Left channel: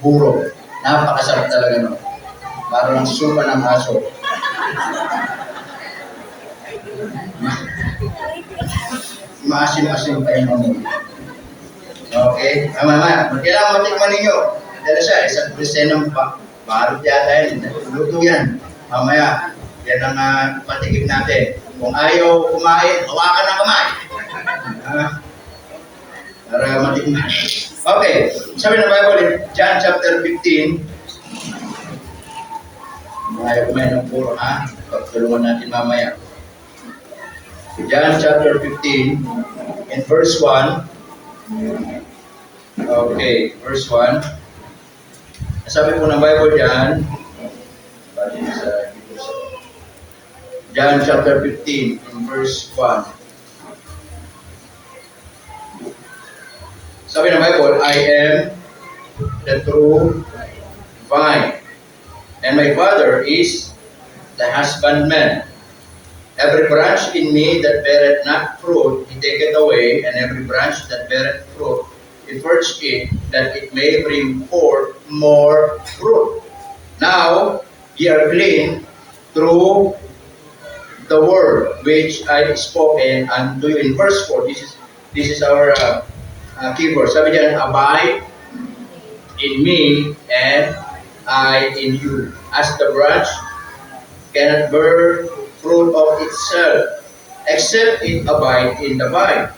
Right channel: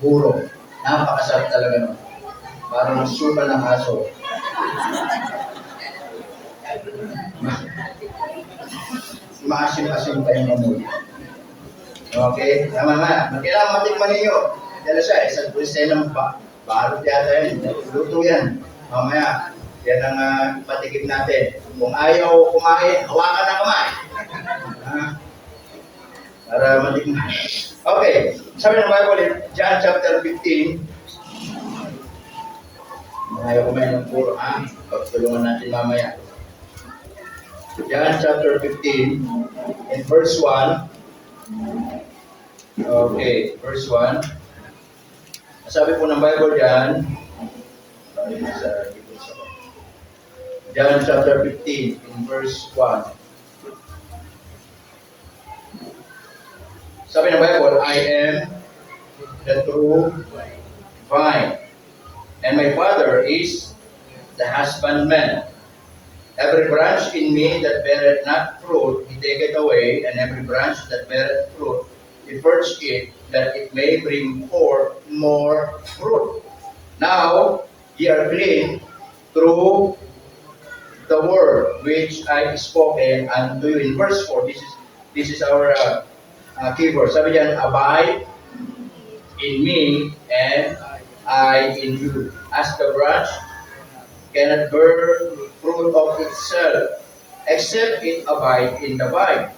Buro. Napakasarap talaga no. Parang suka ng aso. Maasim-asim pa yung amoy. Okay? Mama, kailangan matikman ninyo. Dala siya, isang pulsenong balot yata yun. Luto yan. Mamaya, yan ang patigim natin. Kung ayaw kumain, hawakan ng kamay. Para matikman. Okay, sabi ng Bible in John chapter 15. Ayaw kumain ng puro, ha? Pagtulungan natin mamaya. John chapter 15 in verse 1. Okay, verse 1. Sabi po ng Bible dyan, John chapter 15 in verse 1. Sabi ng Bible, I am the true vine, and my Father is the husbandman. Every branch in me that beareth not fruit, he taketh away, and every branch that beareth fruit, he purgeth it, that it may bring forth more fruit. Now ye are clean through the word which I spoken unto you. In verse 4, this is our keyword. Sabi diyan, abide in me and I in you. As the branch cannot bear fruit of itself, except it abide in the vine.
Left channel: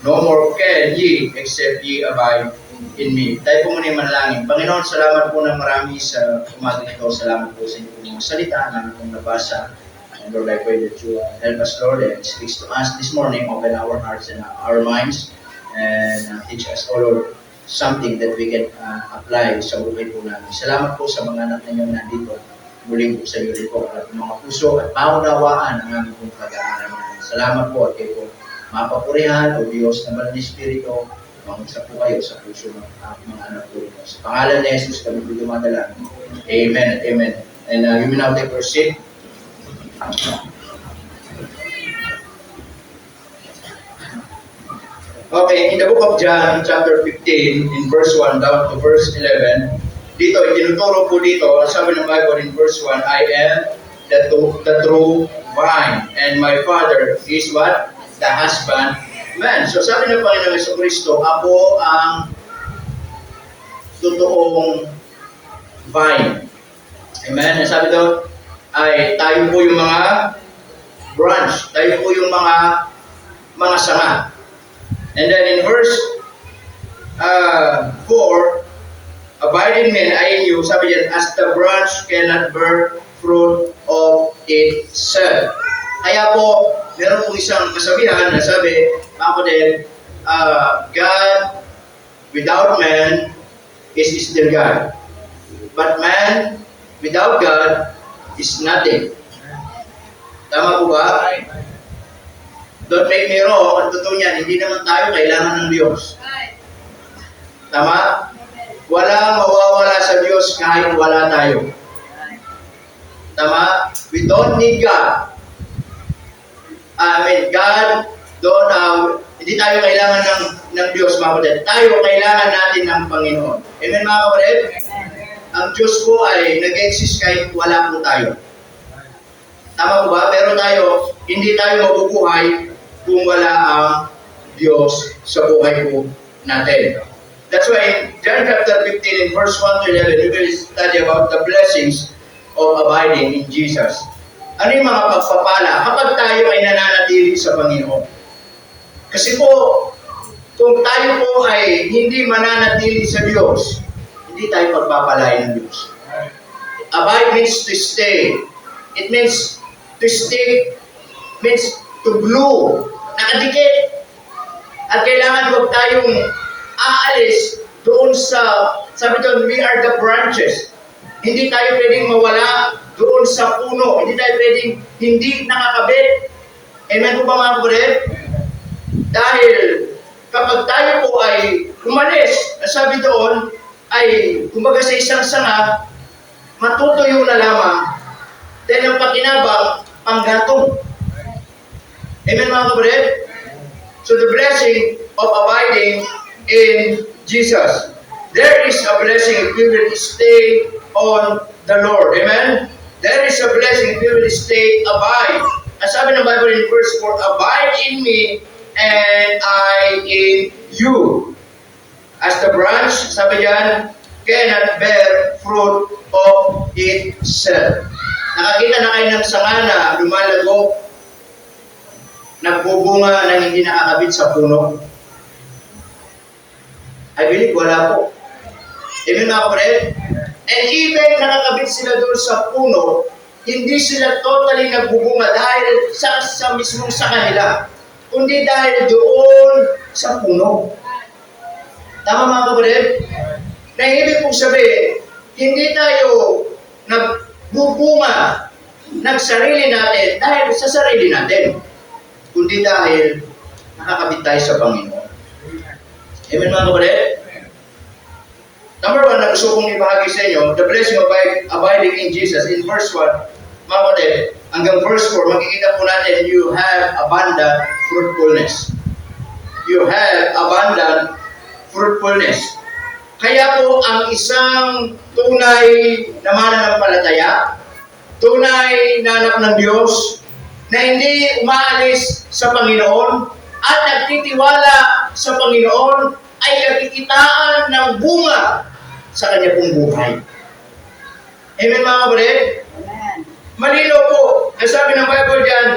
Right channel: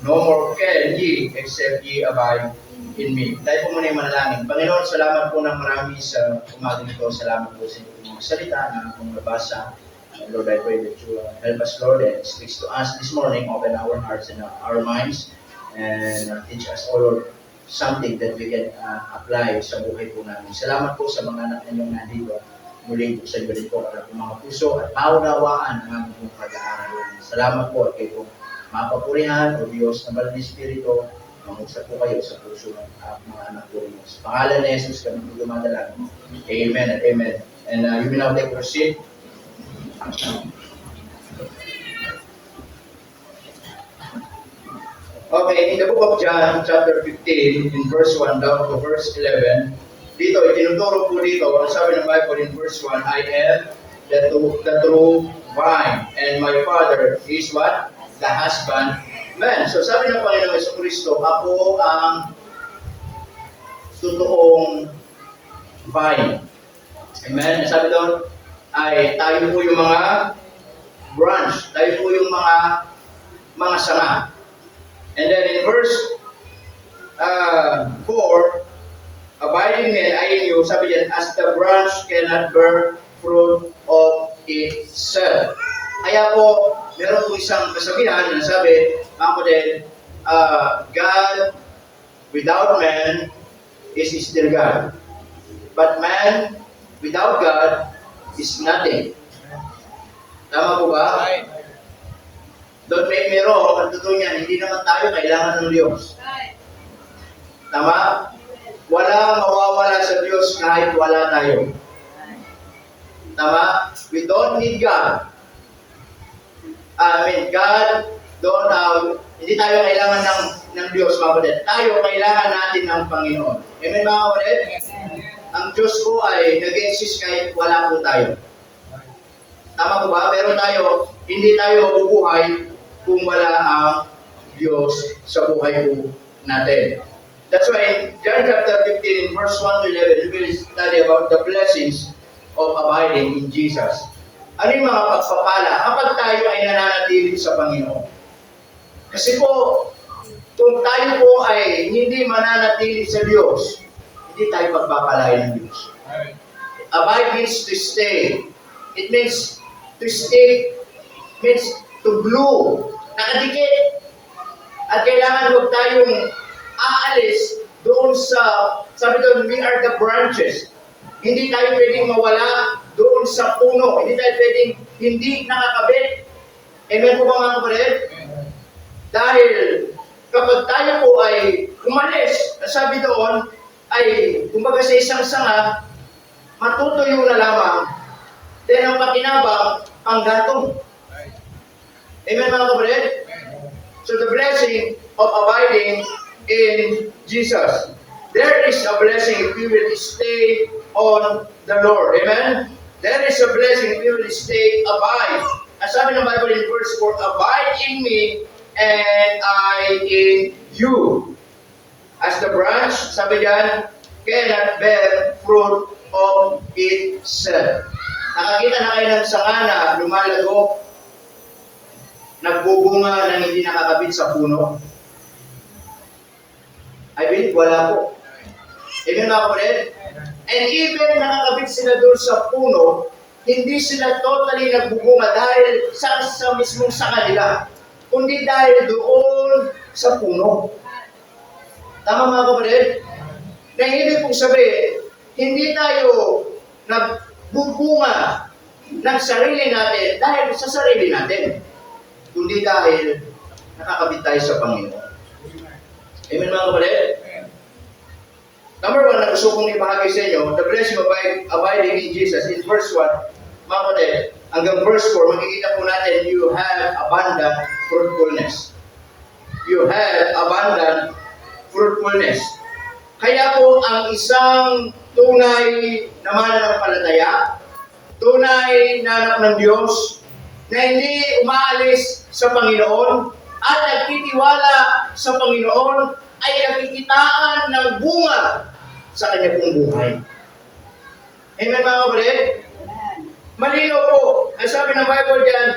No more can ye, except ye abide in me. Tayo po muna yung manalangin. Panginoon, salamat po ng marami sa umaga nito. Salamat po sa inyong mga salita na akong nabasa. And Lord, I pray that you help us, Lord, and speak to us this morning. Open our hearts and our minds, and teach us, oh Lord, something that we can apply sa buhay po namin. Salamat po sa mga anak ninyong nandito. Muling po sa iyo rin po at mga puso at paunawaan ang aming pong pag-aaral. Salamat po at kayo po mapapurihan o Diyos na Banal na Espiritu, mangusap po kayo sa puso ng mga anak po rin. Sa pangalan ni Jesus kami po dumadala. Amen at amen. And you may now take your seat. Okay, in the book of John, chapter 15, in verse 1 down to verse 11, dito, itinuturo po dito, sabi ng Bible in verse 1, I am the true vine, and my Father is what? The husbandman. So sabi ng Panginoong Jesucristo, ako ang totoong vine. Amen? Sabi doon, ay tayo po yung mga branch, tayo po yung mga sanga. And then in verse 4, abide in me and I in you, sabi yan, as the branch cannot bear fruit of itself. Kaya po, meron po isang kasabihan na sabi, ako din, God without man is still God. But man without God is nothing. Tama po ba? Don't make me wrong, ang totoo niyan, hindi naman tayo kailangan ng Diyos. Tama? Walang mawawala sa Diyos kahit wala tayo. Tama? We don't need God. God hindi tayo kailangan ng Diyos, mga kapatid. Tayo kailangan natin ng Panginoon. Amen, mga kapatid? Ang Diyos po ay nag-exist kahit wala po tayo. Tama po ba? Pero tayo, hindi tayo mabubuhay kung wala ang Diyos sa buhay po natin. That's why in John chapter 15 in verse 1 to 11, you will study about the blessings of abiding in Jesus. Ano yung mga pagpapala kapag tayo ay nananatili sa Panginoon? Kasi po, kung tayo po ay hindi mananatili sa Diyos, hindi tayo pagpapalain ng Diyos. Abide means to stay. It means to stick, means to glue. Nakadikit. At kailangan huwag tayong aalis doon sabi doon, we are the branches. Hindi tayo pwedeng mawala doon sa puno. Hindi tayo pwedeng hindi nakakabit. Amen po ba mga kapatid? Dahil kapag tayo po ay umalis, sabi doon, ay kumbaga sa isang sanga, matutuyo na lamang. Then ang pakinabang, panggatong. Amen mga kapatid? So the blessing of abiding in Jesus. There is a blessing if we will stay on the Lord. Amen? There is a blessing if we will stay, abide. Ang sabi ng Bible in verse 4, abide in me and I in you. As the branch, sabi yan, cannot bear fruit of itself. Nakakita na kayo ng sanga na lumalago, nagbubunga nang hindi nakakabit sa puno? I believe wala po. Amen mga kapatid? And even nakakabit sila doon sa puno, hindi sila totally nagbubunga dahil sa mismong sa kanila, kundi dahil doon sa puno. Tama mga kapatid? Na ibig pong sabihin, hindi tayo nagbubunga ng sarili natin dahil sa sarili natin, kundi dahil nakakabit tayo sa Panginoon. Amen mga kapatid? Number 1 na gusto kong ibahagi sa inyo, the blessing of abiding in Jesus. In verse 1, mga kapatid, hanggang verse 4, makikita po natin, you have abundant fruitfulness. You have abundant fruitfulness. Kaya po ang isang tunay na mananampalataya, tunay na anak ng Diyos, na hindi umaalis sa Panginoon at nagtitiwala sa Panginoon ay nakikitaan ng bunga sa kanya pong buhay. Amen mga kapatid? Amen. Malino po, ang sabi ng Bible dyan,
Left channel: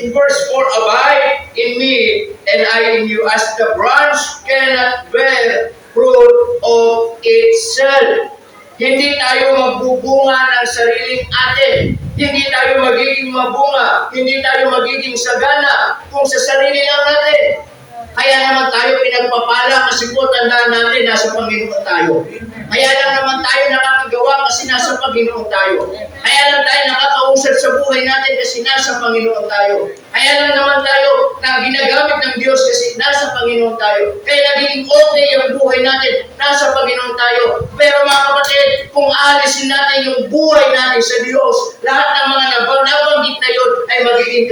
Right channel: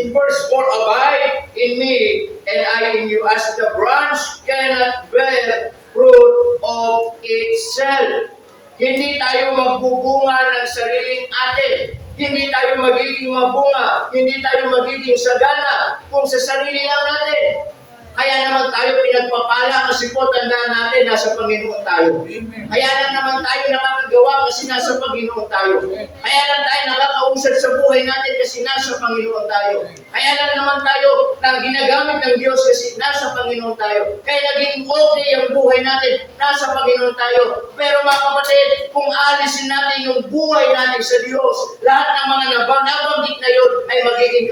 in verse 4, abide in me and I in you, as the branch cannot bear fruit of itself. Hindi tayo magbubunga ng sariling atin. Hindi tayo magiging mabunga. Hindi tayo magiging sagana kung sa sarili lang natin. Kaya naman tayo pinagpapala kasi po tandaan natin nasa Panginoon tayo. Kaya lang naman tayo nakakagawa kasi nasa Panginoon tayo. Kaya lang tayo nakakausad sa buhay natin kasi nasa Panginoon tayo. Kaya lang naman tayo na ginagamit ng Diyos kasi nasa Panginoon tayo. Kaya naging okay ang buhay natin, nasa Panginoon tayo. Pero mga kapatid, kung alisin natin yung buhay natin sa Diyos, lahat ng mga nabanggit na yun ay magiging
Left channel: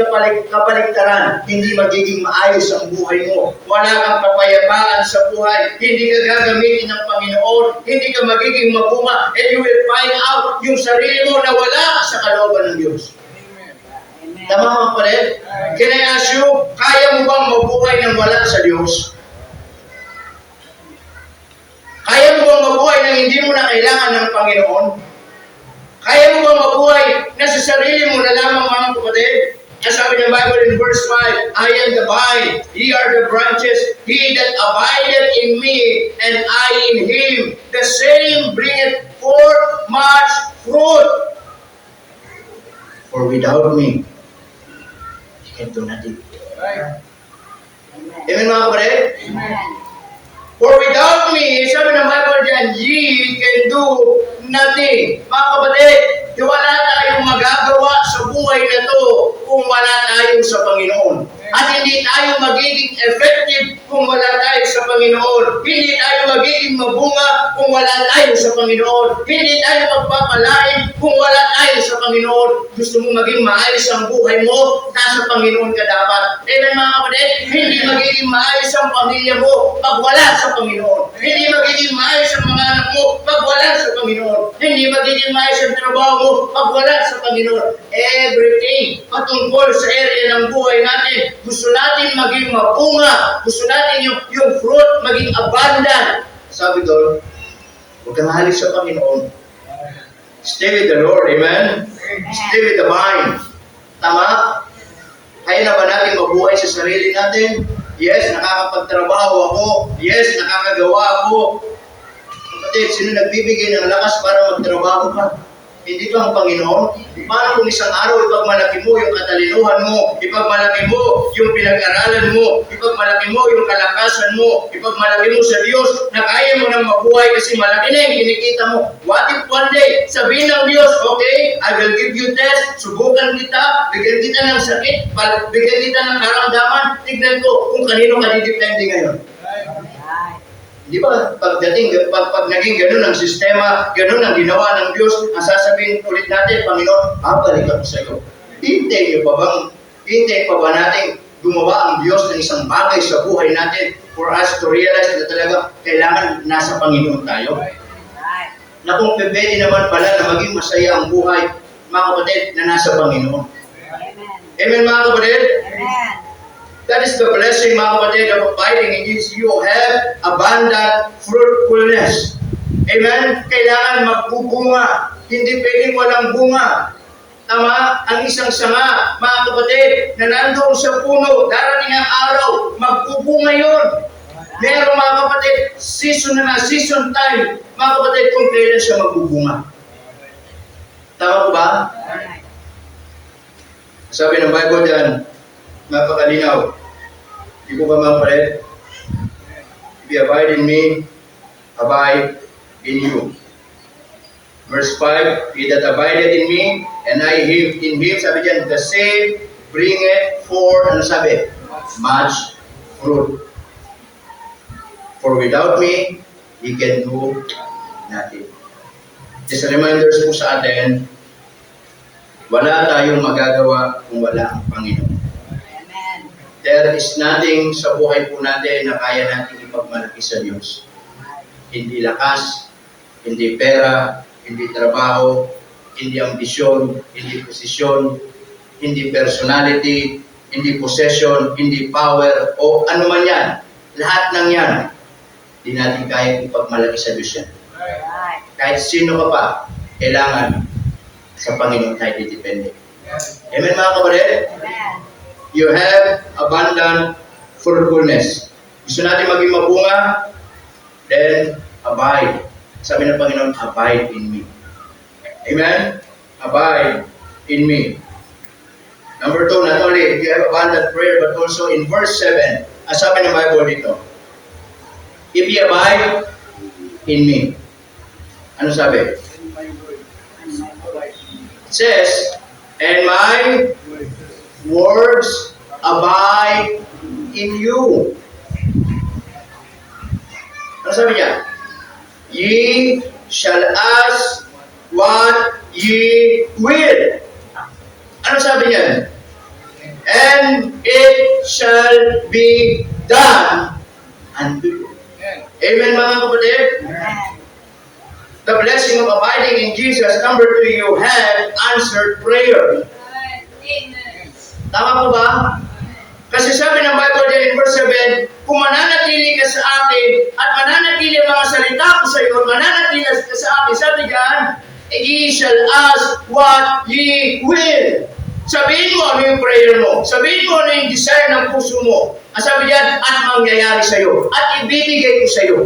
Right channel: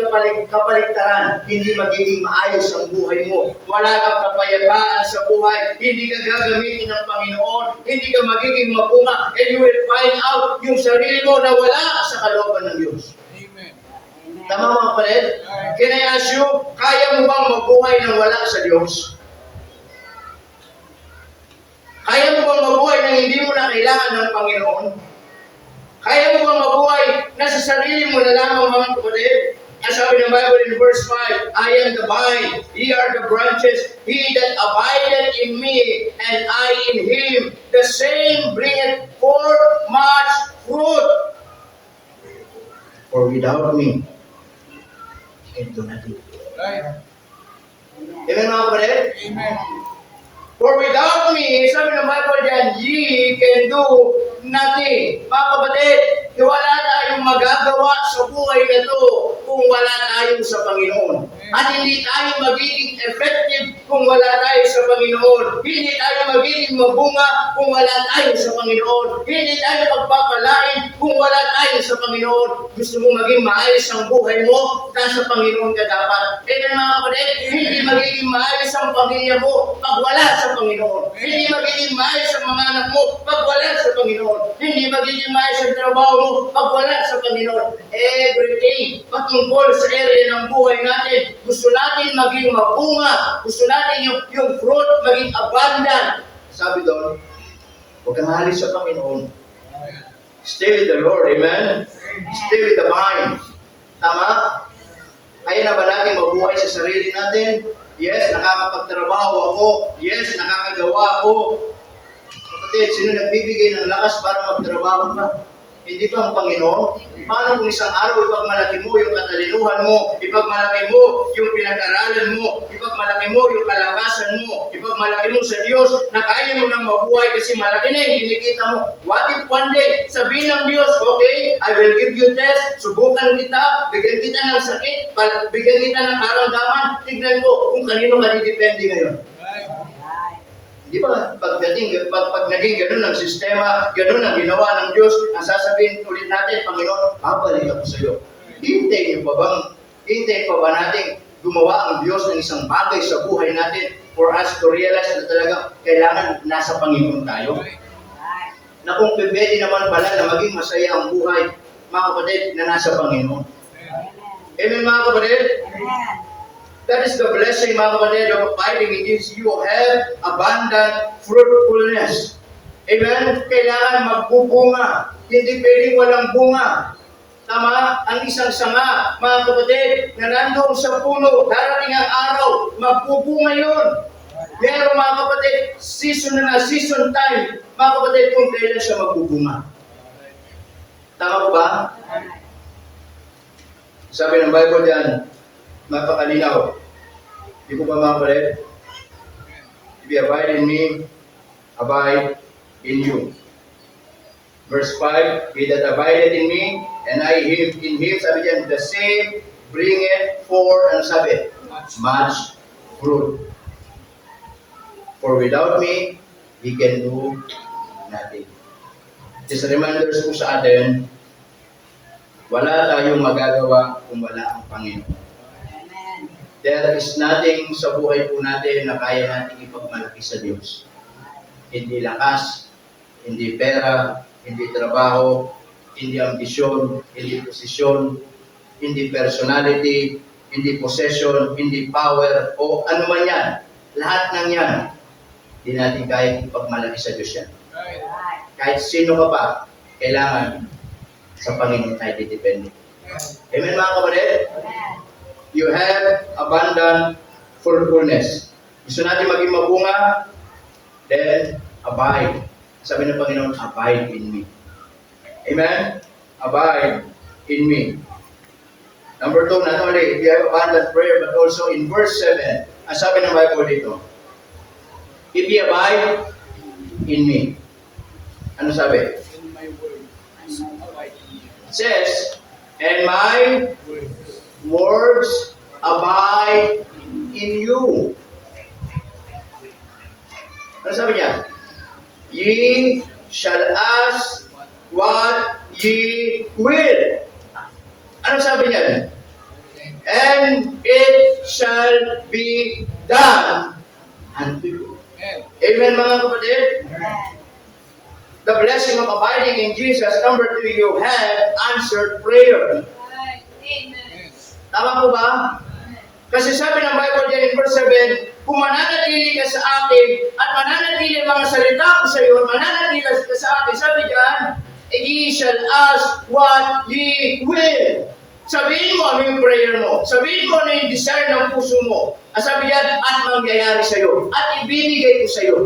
kapaligtaran. Hindi magiging maayos ang buhay mo. Wala kang kapayapaan sa buhay. Hindi ka gagamitin ng Panginoon. Hindi ka magiging mabunga. And you will find out yung sarili mo na wala sa kalooban ng Diyos. Amen. Tama mga kapatid? Can I ask you, kaya mo bang mabuhay ng wala sa Diyos? Kaya mo bang mabuhay nang hindi mo na kailangan ng Panginoon? Kaya mo bang mabuhay na sa sarili mo na lamang mga kapatid? Ang sabi ng Bible in verse 5, I am the vine, ye are the branches, he that abideth in me, and I in him, the same bringeth forth much fruit. For without me, you can do nothing. Amen. Amen mga kapatid? Amen. For without me, sabi ng Bible dyan, ye can do nothing. Mga kapatid, wala tayong magagawa sa buhay na to kung wala tayo sa Panginoon. At hindi tayo magiging effective kung wala tayo sa Panginoon. Hindi tayo magiging mabunga kung wala tayo sa Panginoon. Hindi tayo magpapalain kung wala tayo sa Panginoon. Gusto mo maging maayos ang buhay mo, nasa Panginoon ka dapat. Amen mga kapatid, hindi magiging maayos ang pamilya mo pag wala sa Panginoon. Hindi magiging maayos ang mga anak mo pag wala sa Panginoon. Hindi magiging maayos ang trabaho mo pag wala sa Panginoon. Everything patungkol sa area ng buhay natin, gusto natin maging mabunga, gusto natin yung fruit maging abundant. Sabi doon, huwag kang halis sa Panginoon. Stay with the Lord, amen? Stay with the vine. Tama? Kaya na ba natin mabuhay sa sarili natin? Yes, nakakapagtrabaho ako. Yes, nakakagawa ako. Kapatid, sino nagbibigay ng lakas para magtrabaho ka? Hindi ba ang Panginoon? Paano kung isang araw ipagmalaki mo yung katalinuhan mo, ipagmalaki mo yung pinag-aralan mo, ipagmalaki mo yung kalakasan mo, ipagmalaki mo sa Diyos na kaya mo nang mabuhay kasi malaki na yung kinikita mo. What if one day, sabihin ng Diyos, okay, I will give you test, subukan kita, bigyan kita ng sakit, bigyan kita ng karamdaman, tignan ko kung kanino ka didepende ngayon. Di ba, pag naging ganun ang sistema, ganun ang ginawa ng Diyos, ang sasabihin ulit natin, Panginoon, babalik ako sa iyo. Hintayin pa ba natin gumawa ang Diyos ng isang bagay sa buhay natin for us to realize na talaga kailangan nasa Panginoon tayo. Na kung pwede naman pala na maging masaya ang buhay, mga kapatid, na nasa Panginoon. Amen, mga kapatid? Amen. That is the blessing, mga kapatid, of abiding in Jesus. You have abundant fruitfulness. Amen? Kailangan magbubunga. Hindi pwedeng walang bunga. Tama? Ang isang sanga, mga kapatid, na nandoon sa puno, darating ang araw, magbubunga yun. Meron, mga kapatid, season season time, mga kapatid, kung kailan siya magbubunga. Tama po ba? Sabi ng Bible dyan, napakalinaw. Di po ba, mga kapatid? If you abide in me, abide in you. Verse 5, he that abideth in me, and I in him, sabi dyan, the same bringeth forth, ano sabi? Much fruit. For without me, he can do nothing. Just a reminder po sa atin, wala tayong magagawa kung wala ang Panginoon. Amen. There is nothing sa buhay po natin na kaya natin ipagmalaki sa Diyos. Hindi lakas, hindi pera, hindi trabaho, hindi ambisyon, hindi posisyon, hindi personality, hindi possession, hindi power, o ano man yan. Lahat ng yan, hindi natin kaya ipagmalaki sa Diyos yan. Kahit sino ka pa, kailangan sa Panginoon tayo didepende. Amen, mga kapatid? Amen. You have abundant fruitfulness. Gusto natin maging mabunga, then abide. Sabi ng Panginoon, abide in me. Amen? Abide in me. Number 2, not only you have abundant prayer, but also in verse 7, ang sabi ng Bible dito, if you abide in me. Ano sabi? It says, and my words abide in you. Ano sabi niya? Ye shall ask what ye will. Ano sabi niya? And it shall be done unto you. Amen, mga kapatid? Amen. The blessing of abiding in Jesus. Number 2, you have answered prayer. Amen. Tama po ba? Kasi sabi ng Bible dyan in verse 7, kung mananatili ka sa akin at mananatili ang mga salita ko sa iyo, mananatili ka sa akin, sabi dyan, ye shall ask what ye will. Sabihin mo ano yung prayer mo. Sabihin mo ano yung desire ng puso mo. Ang sabi dyan, at mangyayari sa iyo. At ibibigay ko sa iyo.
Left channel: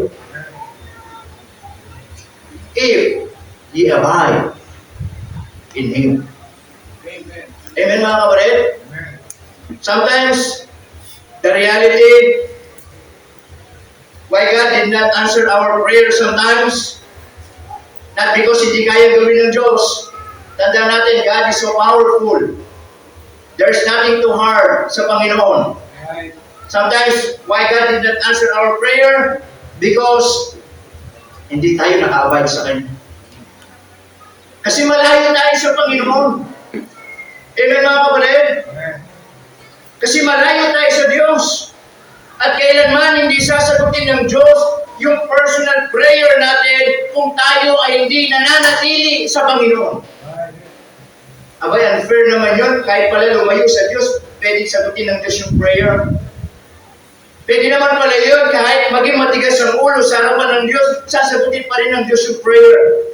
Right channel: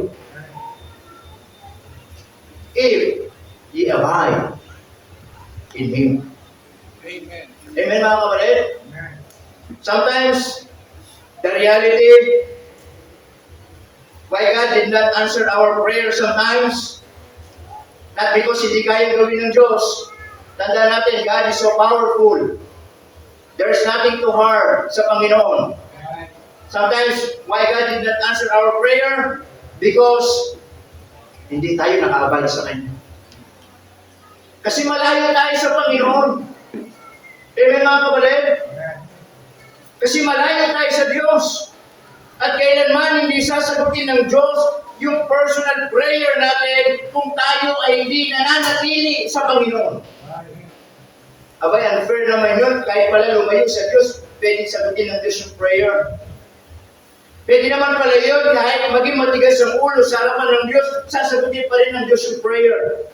If ye abide in Him. Amen. Amen, mga kapatid? Sometimes, the reality, why God did not answer our prayer sometimes, not because hindi kaya gawin ng Diyos. Tandaan natin, God is so powerful. There's nothing too hard sa Panginoon. Sometimes, why God did not answer our prayer? Because hindi tayo nakaabay sa Kanya. Kasi malayo tayo sa Panginoon. Amen, mga kapatid? Kasi malayo tayo sa Diyos. At kailanman hindi sasagutin ng Diyos yung personal prayer natin kung tayo ay hindi nananatili sa Panginoon. Abay, unfair naman yun. Kahit pala lumayo sa Diyos, pwede sagutin ng Diyos yung prayer. Pwede naman pala yun, kahit maging matigas ang ulo sa harapan ng Diyos, sasagutin pa rin ng Diyos yung prayer.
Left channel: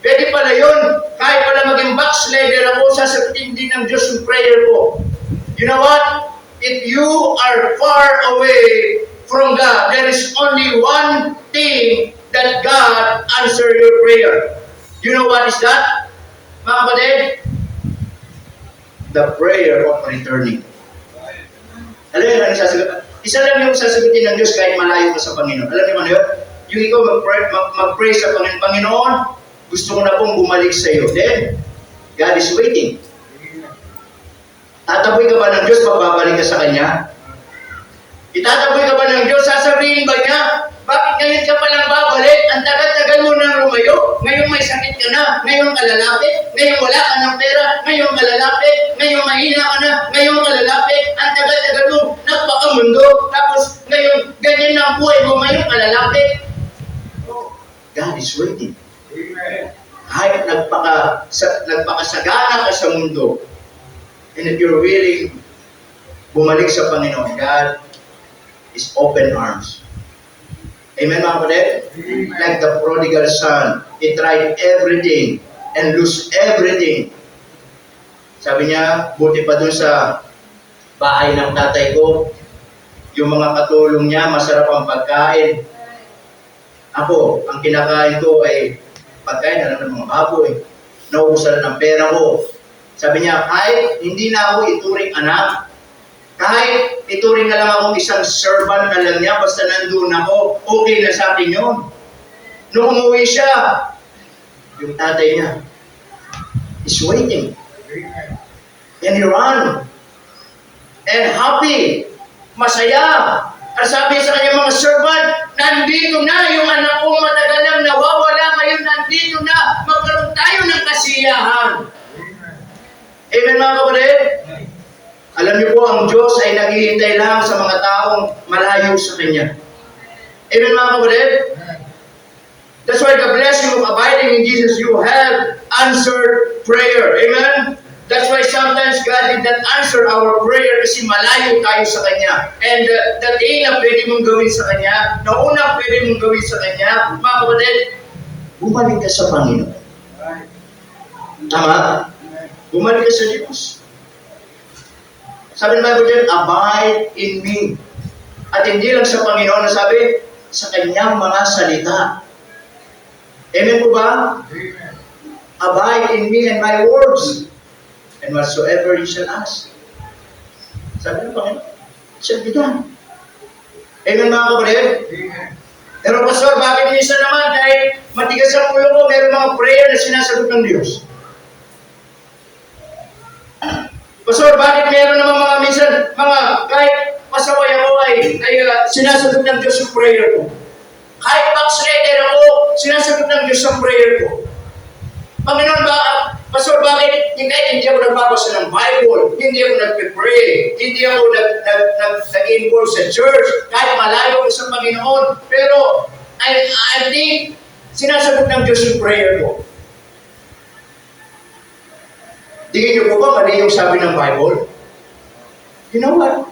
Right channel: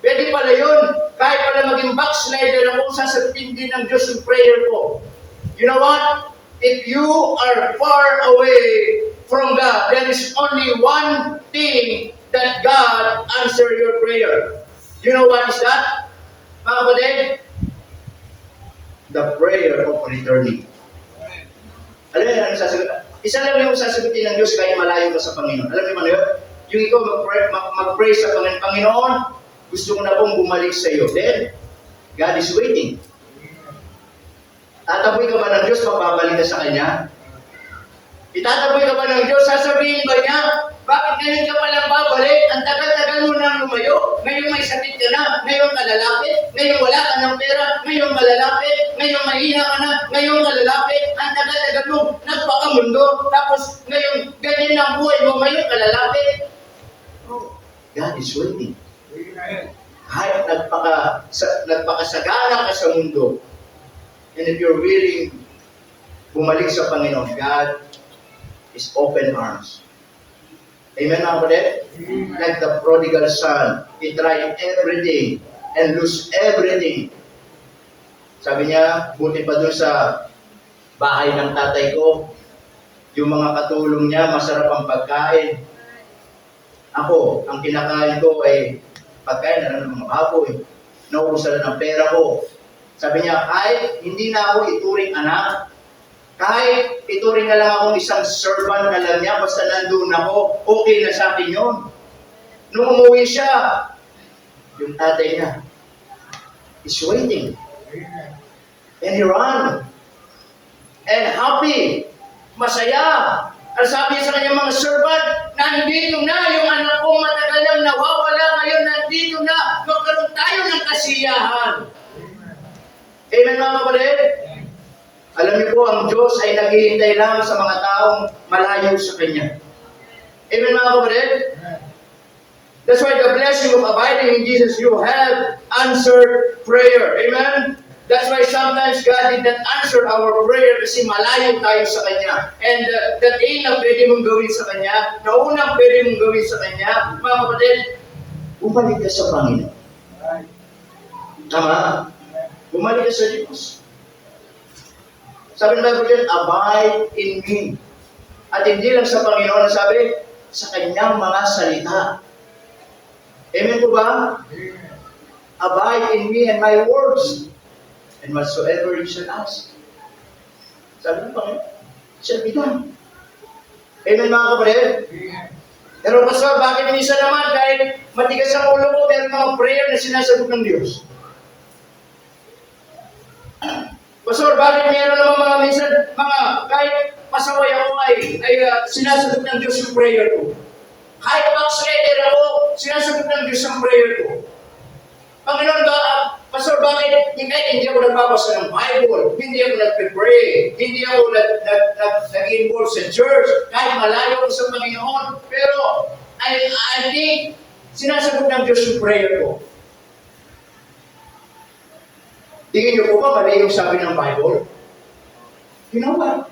Pwede pala yun, kahit pala maging backslider ako, sasagutin din ng Diyos yung prayer ko. You know what? If you are far away from God, there is only one thing that God answer your prayer. You know what is that? Mga kapatid? The prayer of returning. Alam niyo ano sasagutin? Isa lang yung sasagutin ng Diyos kahit malayo ka sa Panginoon. Alam niyo ano yun? Yung ikaw mag-pray sa Panginoon, Panginoon, gusto ko na pong bumalik sa iyo. Then, God is waiting. Tataboy ka ba ng Diyos pag babalik ka sa Kanya? Itataboy ka ba ng Diyos? Sasabihin ba niya, bakit ngayon ka palang babalik? Ang tagal-tagal mo nang lumayo? Ngayong may sakit ka na, ngayong kalalapit, ngayong wala ka ng pera, ngayong kalalapit, ngayong mahina ka na, ngayong kalalapit, ang tagal-tagal mo, nagpakamundo, tapos ngayon, ganyan na ang buhay mo, ngayong kalalapit. Oh, God is waiting. Amen. Kahit nagpakasagana ka sa mundo, and if you're willing bumalik sa Panginoon, God is open arms. Amen, mga kapatid? Like the prodigal son, he tried everything and lose everything. Sabi niya, buti pa dun sa bahay ng tatay ko, yung mga katulong niya, masarap ang pagkain. Ako, ang kinakain ko ay pagkain na ng mga baboy. Naubusan na ng pera ko. Sabi niya, kahit hindi na ako ituring anak, kahit ituring na lang akong isang servant na lang niya, basta nandun ako, okay na sa akin yun. Nung umuwi siya, yung tatay niya is waiting. Amen. And he ran. And happy. Masaya. Ang sabi sa kanyang mga servant, nandito na yung anak kong matagal nang nawawala, ngayon nandito na. Magkaroon tayo ng kasiyahan. Amen, mga kapatid? Alam niyo po, ang Diyos ay naghihintay lang sa mga taong malayo sa Kanya. Amen, mga kapatid? That's why the blessing of abiding in Jesus, you have answered prayer. Amen? That's why sometimes God did not answer our prayer kasi malayo tayo sa Kanya. And the thing na pwede mong gawin sa Kanya, na unang pwede mong gawin sa Kanya, mga kapatid, bumalik ka sa Panginoon. Tama? Bumalik ka sa Diyos. Sabi ng Bible dyan, abide in me. At hindi lang sa Panginoon, sabi, sa Kanyang mga salita. Amen po ba? Amen. Abide in me and my words. And whatsoever you shall ask. Sabi ng Panginoon, shall be done. Amen, mga kapatid? Amen. Pero pastor, bakit minsan naman kahit matigas ang ulo ko, meron mga prayer na sinasagot ng Diyos? Pastor, bakit meron naman mga minsan, kahit pasaway ako ay sinasagot ng Diyos yung prayer ko? Kahit backslider ako, sinasagot ng Diyos yung prayer ko. Panginoon, Pastor, bakit hindi ako nagbabasa ng Bible, hindi ako nagpe-pray, hindi ako nag-involve sa church, kahit malayo ko sa Panginoon, pero I think sinasagot ng Diyos yung prayer ko. Tingin niyo po ba mali yung sabi ng Bible? You know what?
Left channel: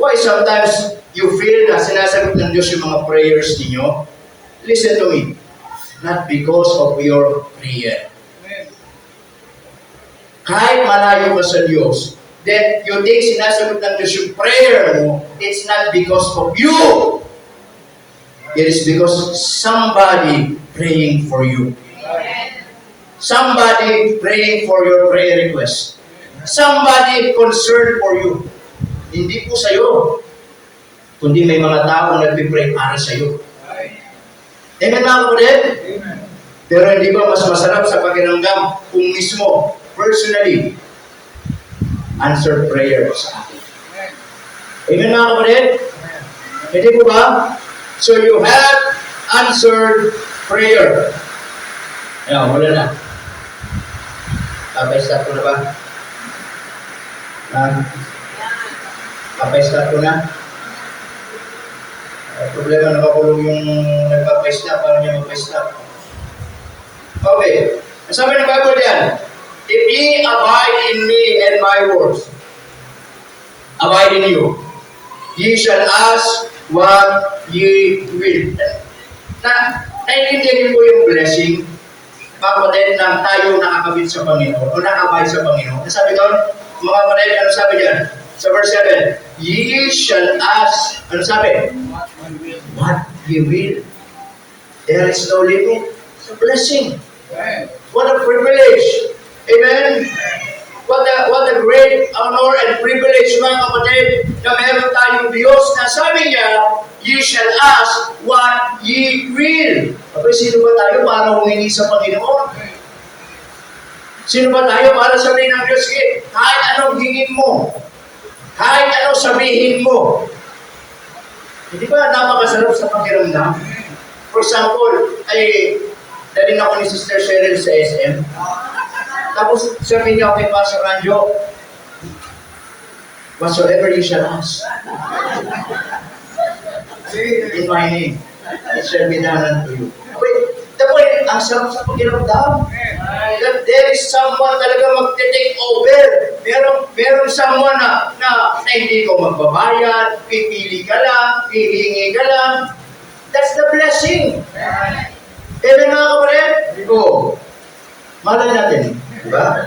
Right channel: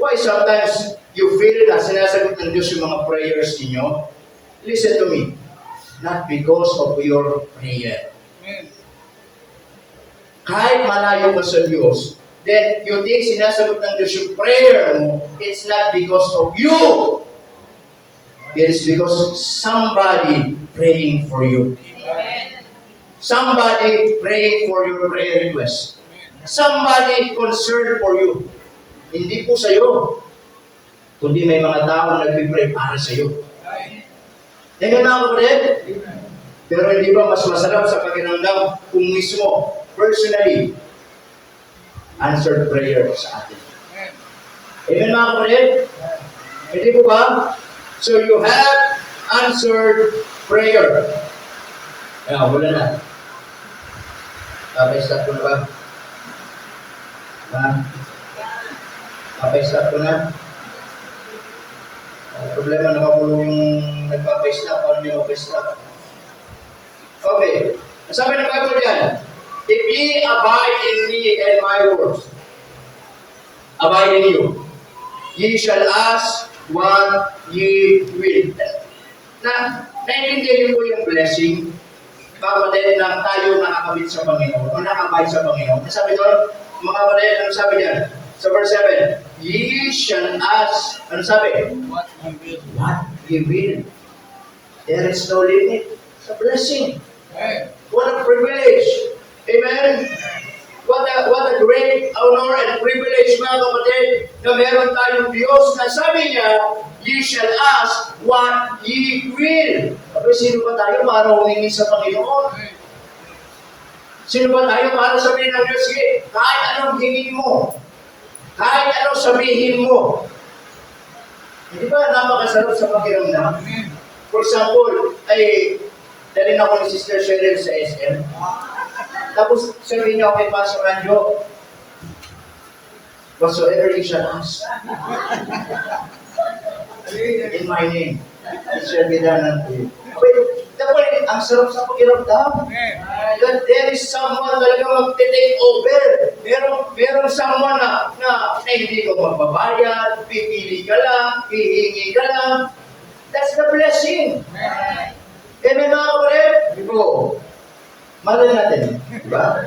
Why sometimes you feel na sinasagot ng Diyos yung mga prayers ninyo? Listen to me. Not because of your prayer. Amen. Kahit malayo ka sa Diyos, then you think sinasagot ng Diyos yung prayer mo, it's not because of you. It is because somebody praying for you. Somebody praying for your prayer request. Somebody concerned for you. Hindi po sa'yo, kundi may mga taong nagpipray para sa'yo. Amen, mga kapatid? Amen. Pero hindi ba mas masarap sa pakiramdam kung mismo, personally, answered prayer sa atin? Amen, mga kapatid? Hindi po ba? So you have answered prayer. Ayan, wala na. Papay-stop ko na ba? Papay-stop ko na? Problema, nakakulong yung nagpapay-stop. Paano niya mapay-stop? Okay. Sabi ng Bible dyan, if ye abide in me and my words abide in you, ye shall ask what ye will. Naintindihan niyo po yung blessing, kapatid, na tayo nakakabit sa Panginoon o nakabay sa Panginoon. Sabi doon, mga kapatid, ano sabi dyan? Sa verse 7, ye shall ask, ano sabi? What ye will. There is no limit. It's a blessing. Amen. What a privilege. Amen? What a great honor and privilege, mga kapatid, na meron tayong Diyos na sabi niya, ye shall ask what ye will. Kapag sino ba tayo para humingi sa Panginoon? Sino ba tayo para sabihin ng Diyos, kahit anong hingin mo, kahit anong sabihin mo. Hindi ba napakasarap sa pakiramdam? For example, ay dalhin ako ni Sister Cheryl sa SM. Tapos sabi niya kay Pastor Anjo, whatsoever you shall ask in my name, it shall be done unto you. Wait, dapat ang sarap sa pakiramdam. That there is someone talaga magte-take over. Merong someone na hindi ko magbabayad, pipili ka lang, hihingi ka lang. That's the blessing. Amen mga kapatid? Oo. Malay natin, di ba?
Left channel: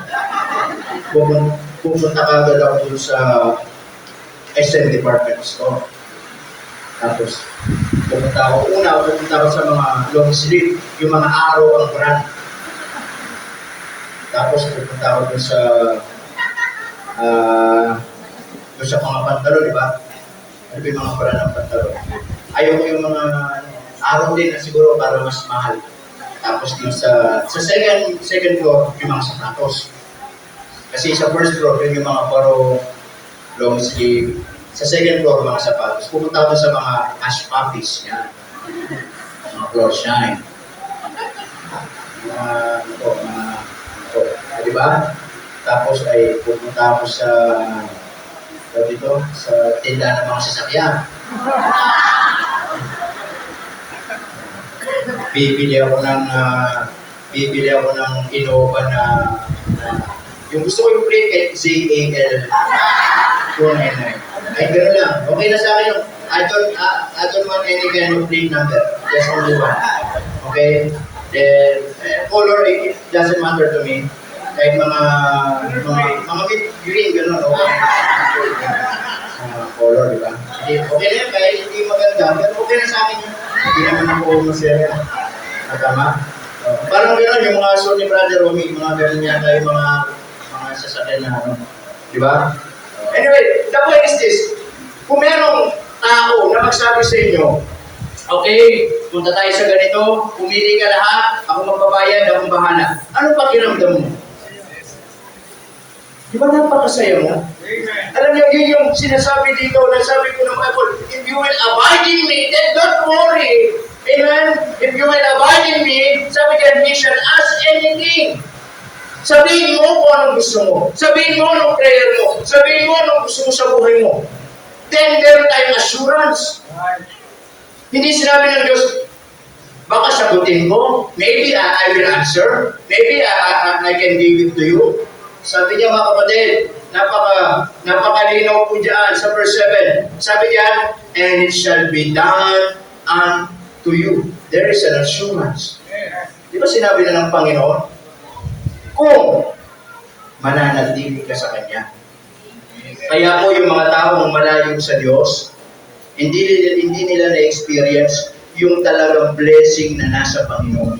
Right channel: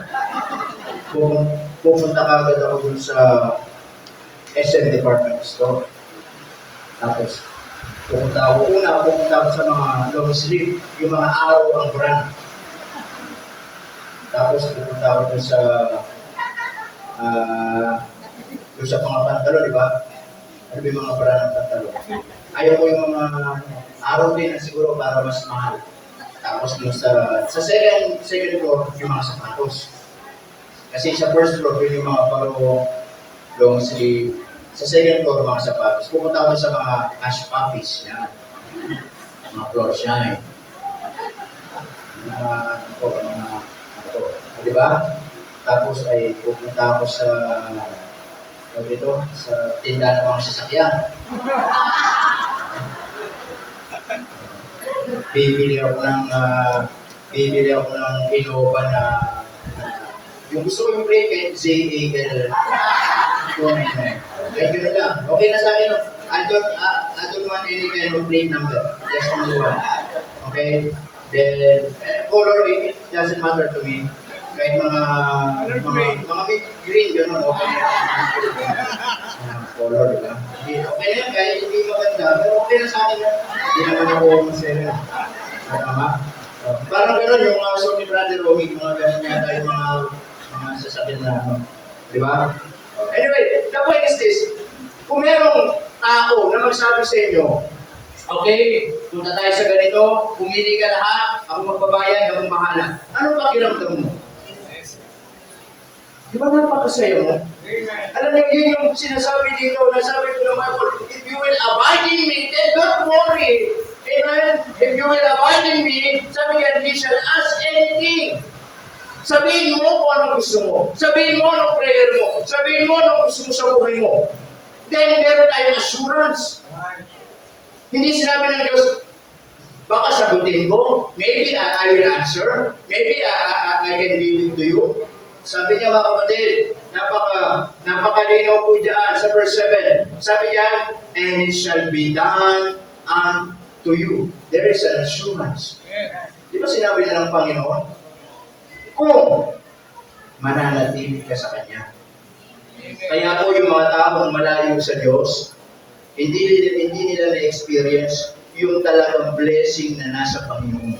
Pumunta ka agad ako dun sa SM department store. Tapos, pumunta ako sa mga long sleeve, yung mga araw ang brand. Tapos, pupunta ako dun sa mga pantalo, di ba? Ano ba yung mga brand ng pantalo? Ayaw ko yung mga araw din na siguro para mas mahal. Tapos dun sa second floor, yung mga sapatos. Kasi sa first floor, yun yung mga paro long sleeve. Sa second floor, mga sapatos. Pupunta ako sa mga cash puppies. Yan. Mga floor shine. Di ba? Tapos ay pupunta ako sa tindahan ng mga sasakyan. Bibili ako ng Innova na yung gusto ko yung plate ZAL 299. Kahit gano'n lang. Okay na sa akin yung I don't want any kind of plate number. Just only one. Okay? Then color it doesn't matter to me. Kahit mga green gano'n, okay. Color, di ba? Okay na yan, kahit hindi maganda, pero okay na sa akin yun. Hindi naman ako masaya. Tama? Parang gano'n, yung mga suit ni Brother Romy, mga gano'n yata yung mga sasakyan na ano. Di ba? Anyway, the point is this. Kung merong tao na magsabi sa inyo, okay, punta tayo sa ganito, pumili ka lahat, ako magbabayad, akong bahala. Anong pakiramdam mo? Di ba napakasaya mo? Alam niyo, yun yung sinasabi dito, nasabi ko ng Bible, if you will abide in me, then don't worry. Amen? If you will abide in me, sabi diyan, we shall ask anything. Sabihin mo kung anong gusto mo. Sabihin mo anong prayer mo. Sabihin mo anong gusto mo sa buhay mo. Then, meron tayong assurance. Hindi sinabi ng Diyos, baka sagutin ko. Maybe I will answer. Maybe I can give it to you. Sabi niya mga kapatid, napakalinaw po dyan sa verse 7. Sabi niya, and it shall be done unto you. There is an assurance. Di ba sinabi na ng Panginoon? Kung mananatili ka sa Kanya. Kaya po yung mga taong malayo sa Diyos, hindi nila na-experience yung talagang blessing na nasa Panginoon.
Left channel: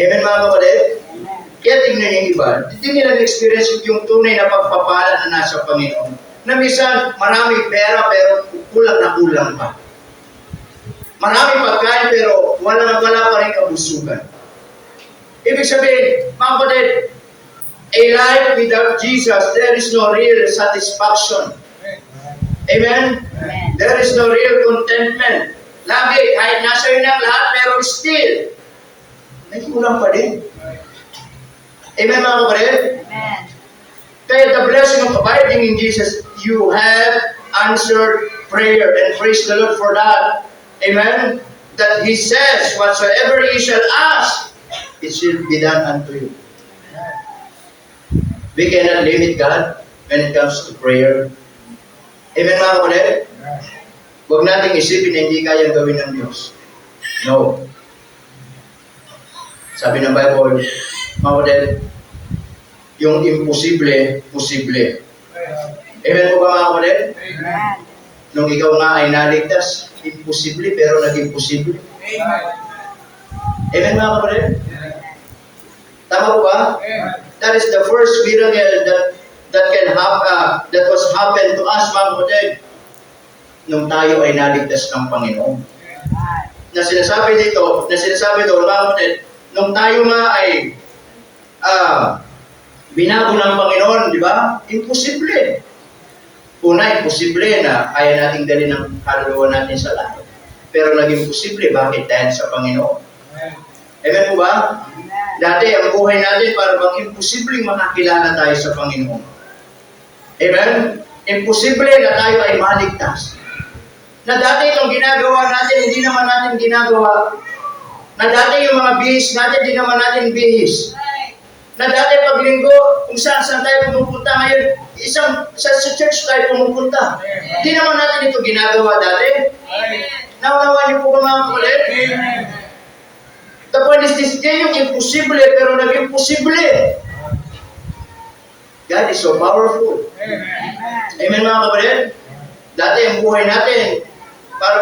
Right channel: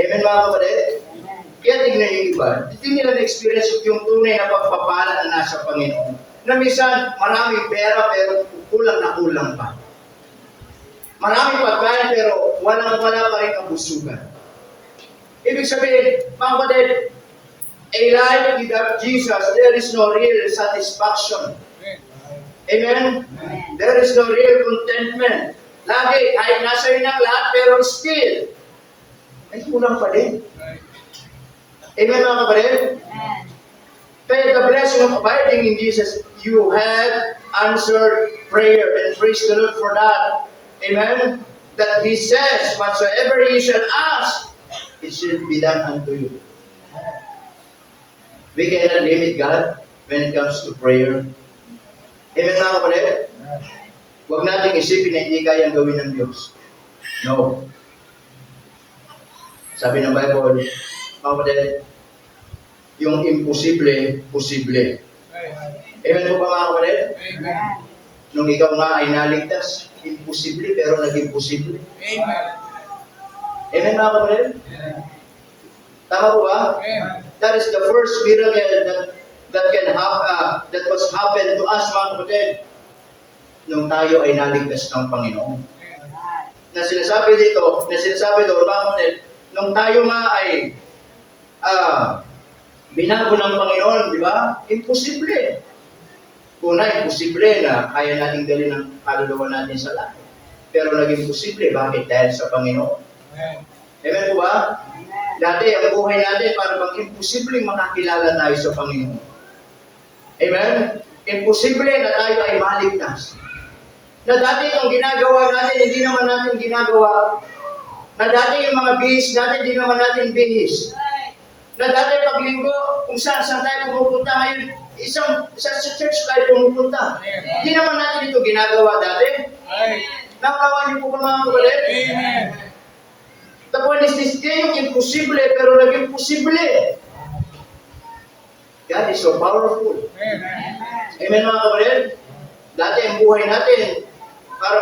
Amen mga kapatid? Kaya tingnan yung iba, hindi nila na-experience yung tunay na pagpapala na nasa Panginoon. Na minsan, maraming pera pero kulang na kulang pa. Maraming pagkain pero wala pa rin kabusugan. Ibig sabihin, mga kapatid, a life without Jesus, there is no real satisfaction. Amen? Amen. There is no real contentment. Lagi, kahit nasa iyo ng lahat, pero still, may kulang pa din. Amen, mga kapatid? Amen. Kaya the blessing of abiding in Jesus, you have answered prayer, and praise the Lord for that. Amen? That He says, whatsoever ye shall ask, it shall be done unto you. We cannot limit God when it comes to prayer. Amen, mga kapatid? Huwag nating isipin na hindi kayang gawin ng Diyos. No. Sabi ng Bible, mga kapatid, yung imposible, posible. Amen po ba mga kapatid? Amen. Nung ikaw nga ay naligtas, imposible pero naging posible. Amen mga kapatid? Tama po ba? That is the first miracle that was happened to us mga kapatid nung tayo ay naligtas ng Panginoon. Na sinasabi doon mga kapatid, nung tayo nga ay binago ng Panginoon, di ba? Imposible. Una, imposible na kaya nating dalhin ang kaluluwa natin sa langit. Pero naging posible. Bakit? Dahil sa Panginoon. Amen po ba? Amen. Dati, ang buhay natin para bang imposibleng makakilala tayo sa Panginoon. Amen? Imposible na tayo ay maligtas. Na dati itong ginagawa natin, hindi naman natin ginagawa. Na dati yung mga bihis natin, hindi naman natin bihis. Na dati pag linggo, kung saan tayo pumupunta ngayon, sa church tayo pumupunta. Hindi naman natin ito ginagawa dati. Nawawa niyo po ba mga kapatid? The point is this, yan yung imposible, pero naging posible. God is so powerful. Amen mga kapatid? Dati ang buhay natin, para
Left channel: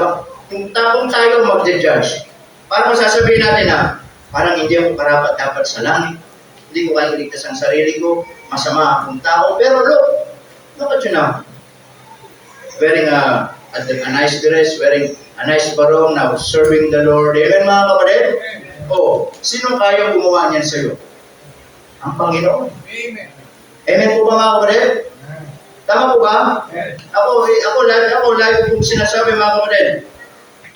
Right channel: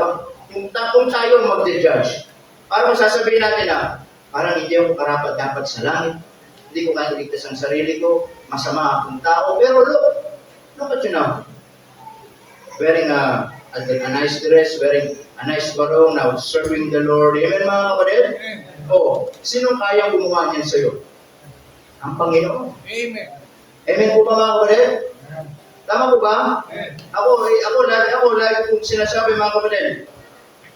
bang, yung tapong tayo mag-judge. Para masasabihin natin na, parang hindi ako karapat dapat sa langit. Hindi ko kaya ligtas ang sarili ko. Masama akong tao. Pero look at you now. Wearing a nice dress, wearing a nice barong, now serving the Lord. Amen mga kapatid? Oh, sino kaya gumawa niyan sa'yo? Ang Panginoon. Amen po ba mga kapatid? Tama po ba? Ako lagi kong sinasabi mga kapatid.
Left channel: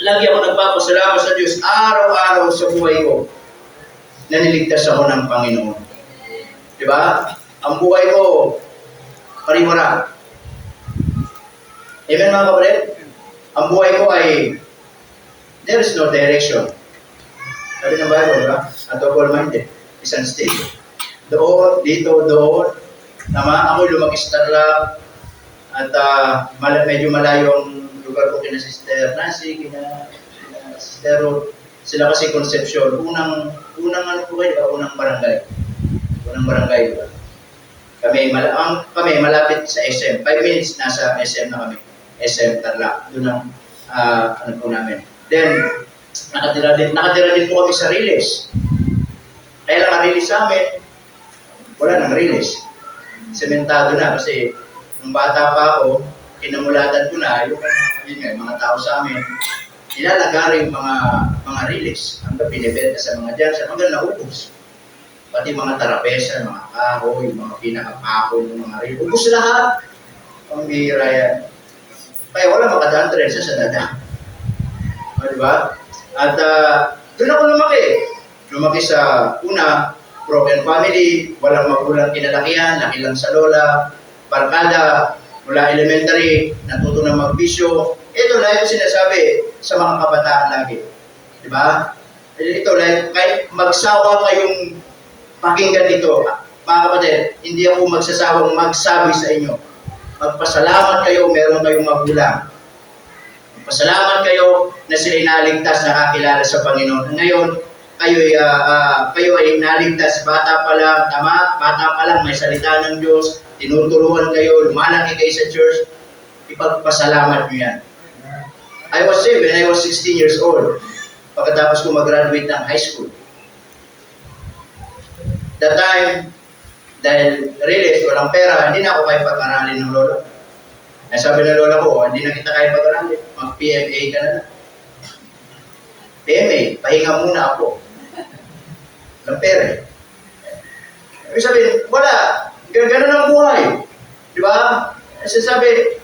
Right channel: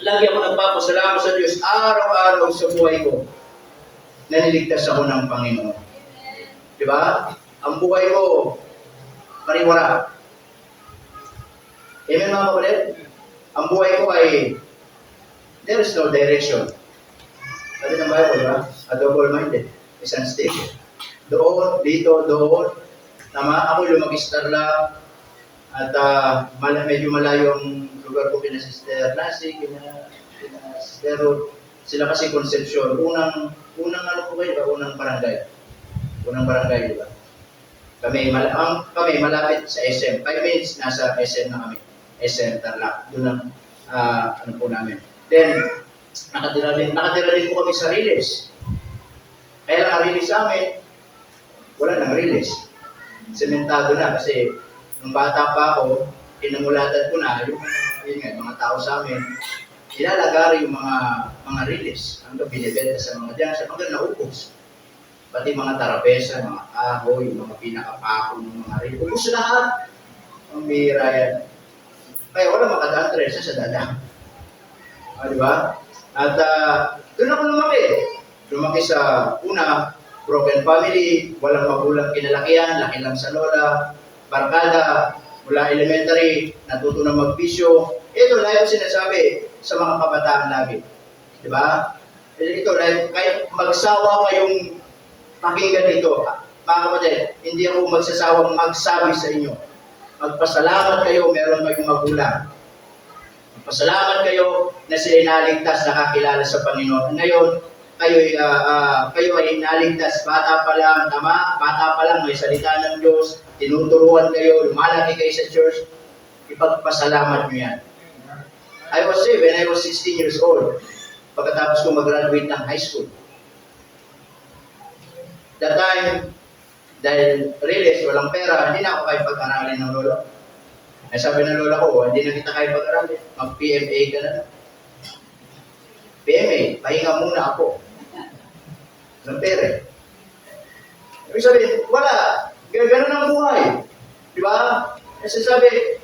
Lagi ako nagpapasalamat sa Diyos araw-araw sa buhay ko. Naniligtas ako ng Panginoon. Di ba? Ang buhay ko, pariwara. Amen mga kapatid? Ang buhay ko ay, there is no direction. Sabi ng Bible, ba? A double-minded. Isang state. Doon, dito, doon. Tama? Ako lumaki sa Tarlac. At medyo malayong lugar ko kina Sister Nancy, kina Sister Ruth. Sila kasi Concepcion. Unang ano po kayo, di ba? Unang barangay. Unang barangay, di ba? Kami malapit sa SM. 5 minutes nasa SM na kami. SM Tarlac. Doon ang ano po namin. Then, nakatira din po kami sa Riles. Kaya lang ang Riles sa amin, wala nang Riles. Sementado na kasi nung bata pa ako, kinamulatan ko na yung mga tao sa amin, ilalagari yung mga Riles. Hanggang binibenta sa mga dyan, hanggang naubos. Pati mga tarapesa, mga kahoy, yung mga pinakapako ng mga Riles. Ubus lahat. Ang bihira yan. Kaya wala makadaan tresa sa dada. Di ba? At doon ako lumaki. Lumaki sa una, broken family, walang magulang kinalakihan, laki lang sa lola, barkada, mula elementary, natuto ng magbisyo. Ito lang yung sinasabi sa mga kabataan lagi. Di ba? Ito lang, kahit magsawa kayong pakinggan ito, mga kapatid, hindi ako magsasawang magsabi sa inyo. Magpasalamat kayo, meron kayong magulang. Magpasalamat kayo na sila'y naligtas, nakakilala sa Panginoon. Ngayon, kayo ay naligtas, bata pa lang, tama, bata pa lang, may salita ng Diyos, tinuturuan kayo, lumalaki kayo sa church, ipagpasalamat nyo yan. I was saved when I was 16 years old, pagkatapos ko mag-graduate ng high school. That time, dahil release, walang pera, hindi na ako kaya pag-aralin ng lola. Ay sabi ng lola ko, hindi na kita kaya pag-aralin, mag-PMA ka na lang. PMA, pahinga muna ako. Walang pera eh. Ibig sabihin, wala. Ganun ang buhay. Di ba? Sinasabi,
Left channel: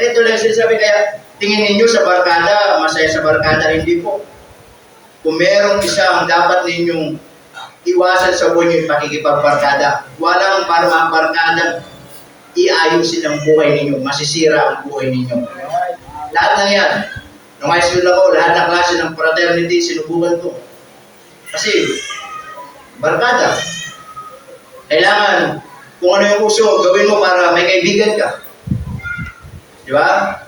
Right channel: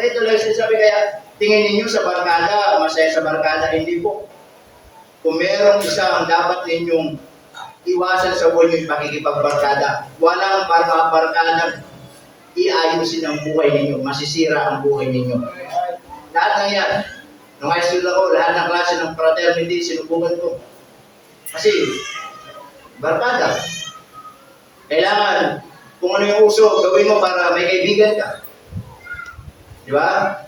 ito lang sinasabi, kaya tingin ninyo sa barkada, masaya sa barkada, hindi po. Kung merong isang dapat ninyong iwasan sa buhay niyo yung pakikipagbarkada. Walang para mabarkadang iayusin ang buhay ninyo, masisira ang buhay ninyo. Lahat ng yan. Nung high school ako, lahat ng klase ng fraternity, sinubukan ko. Kasi, barkada. Kailangan, kung ano yung uso, gawin mo para may kaibigan ka. Di ba?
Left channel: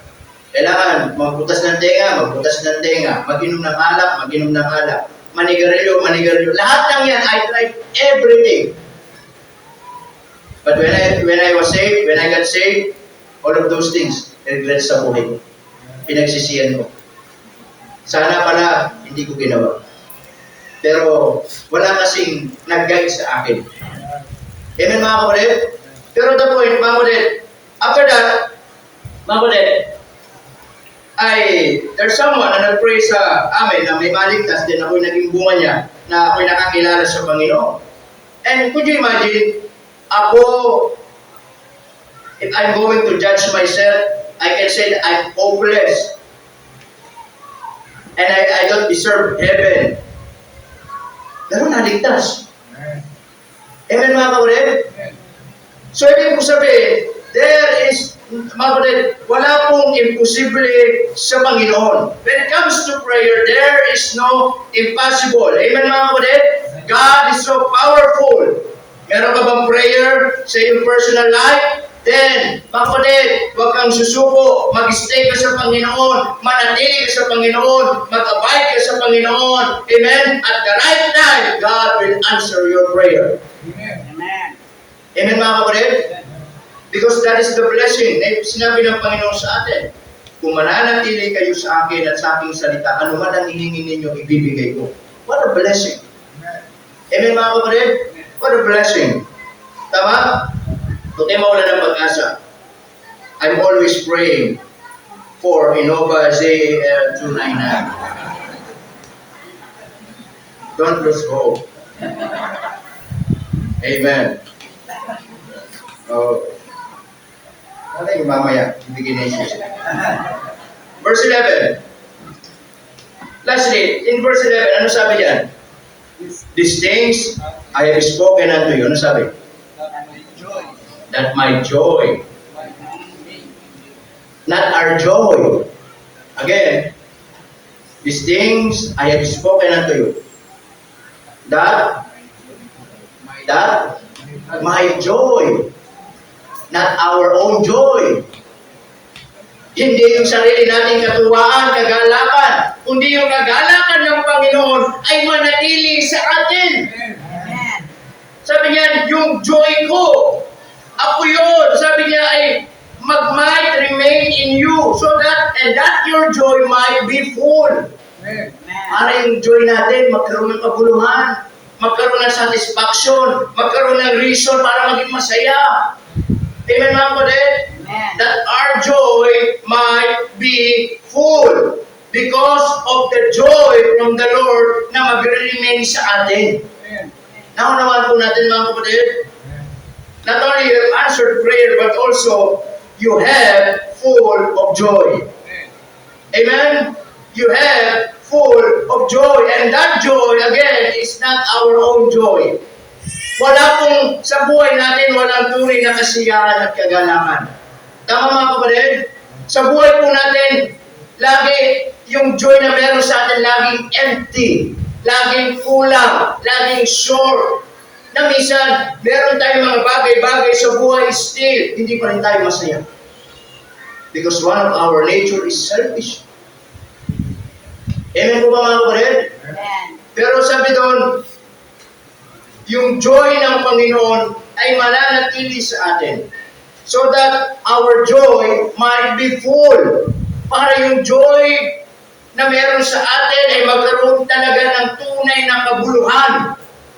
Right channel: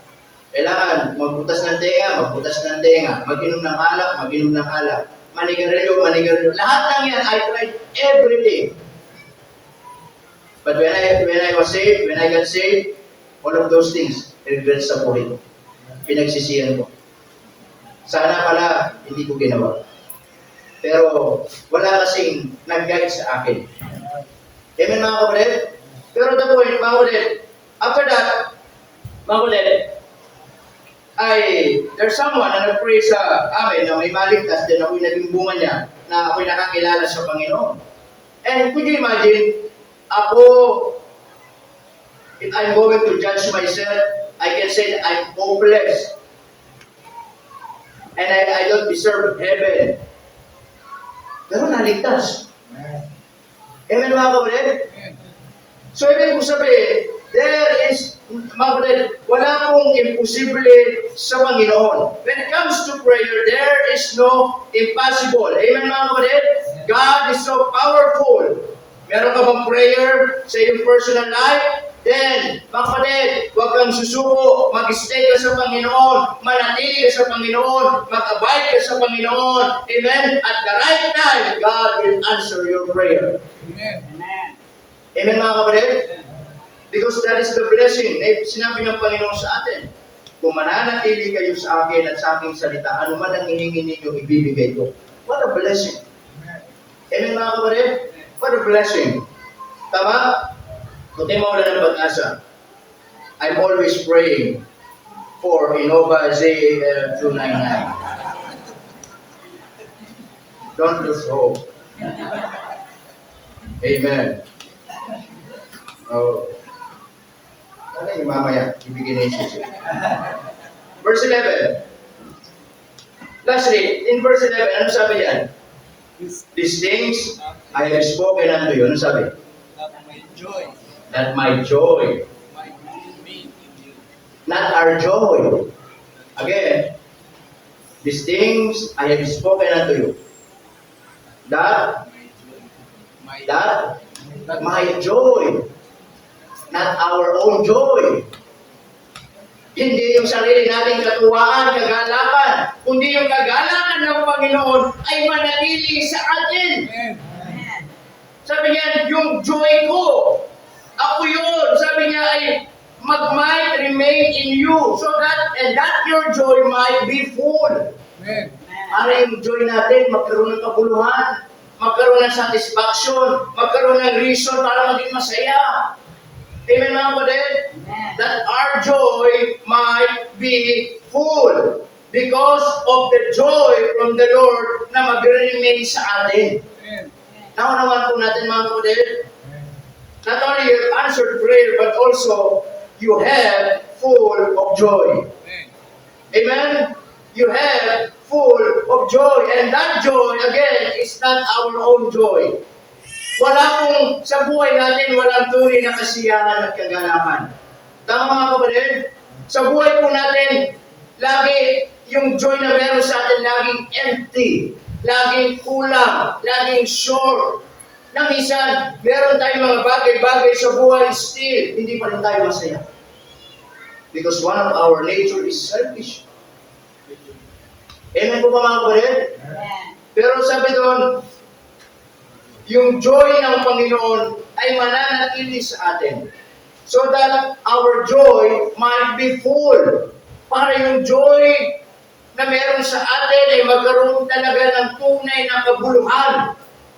Kailangan magbutas ng tenga, mag-inom ng alak, manigarilyo. Lahat ng yan, I tried everything. But when I was saved, when I got saved, all of those things, regret sa buhay ko. Pinagsisiyan ko. Sana pala, hindi ko ginawa. Pero, wala kasing nag-guide sa akin. Amen mga kapatid? Pero the point, mga kapatid, after that, mga kapatid, there's someone na nag-pray sa amin na may maligtas din, ako'y naging bunga niya, na ako'y nakakilala sa Panginoon. And could you imagine, ako, if I'm going to judge myself, I can say that I'm hopeless. and I don't deserve heaven. Pero naligtas. Amen mga kapatid? So ibig kong sabihin, there is, mga kapatid, wala pong imposible sa Panginoon. When it comes to prayer, there is no impossible. Amen mga kapatid? God is so powerful. Meron ka bang prayer sa iyong personal life? Then, mga kapatid, huwag kang susuko. Mag-stay ka sa Panginoon. Manatili ka sa Panginoon. Mag-abide ka sa Panginoon. Amen? At the right time, God will answer your prayer. Amen. Amen mga kapatid? Because that is the blessing. Sinabi ng Panginoon sa atin, kung mananatili kayo sa akin at sa aking salita, ano man ang hihingi ninyo, ibibigay ko. What a blessing. Amen mga kapatid? What a blessing. Tama? Kung tayo mawala ng pag-asa, I'm always praying for Innova Z299. Don't lose hope. Amen. Oh. Ano yung mamaya? Ibigin na Jesus. Verse 11. Lastly, in verse 11, ano sabi yan? These things I have spoken unto you. Ano sabi? That my joy, not our joy. Again, these things I have spoken unto you. That my joy, not our own joy. Hindi yung sarili nating katuwaan, kagalakan, kundi yung kagalakan ng Panginoon ay manatili sa atin. Amen. Sabi niya, yung joy ko, ako yun. Sabi niya ay might remain in you so that your joy might be full. Amen. Para yung joy natin magkaroon ng kabuluhan, magkaroon ng satisfaction, magkaroon ng reason para maging masaya. Amen mga kapatid? Amen. That our joy might be full because of the joy from the Lord na magre-remain sa atin. Naunawan po natin mga kapatid? Not only you have answered prayer, but also you have full of joy. Amen? You have full of joy. And that joy, again, is not our own joy. Wala pong sa buhay natin, walang tunay na kasiyahan at kagalakan. Tama mga kapatid? Sa buhay po natin, lagi yung joy na meron sa atin, laging empty, laging kulang, laging short. Na minsan, meron tayong mga bagay-bagay sa buhay, still, hindi pa rin tayo masaya. Because one of our nature is selfish. Amen po ba mga kapatid? Amen. Pero sabi doon, yung joy ng Panginoon ay mananatili sa atin. So that our joy might be full. Para yung joy na meron sa atin ay magkaroon talaga ng tunay na kabuluhan.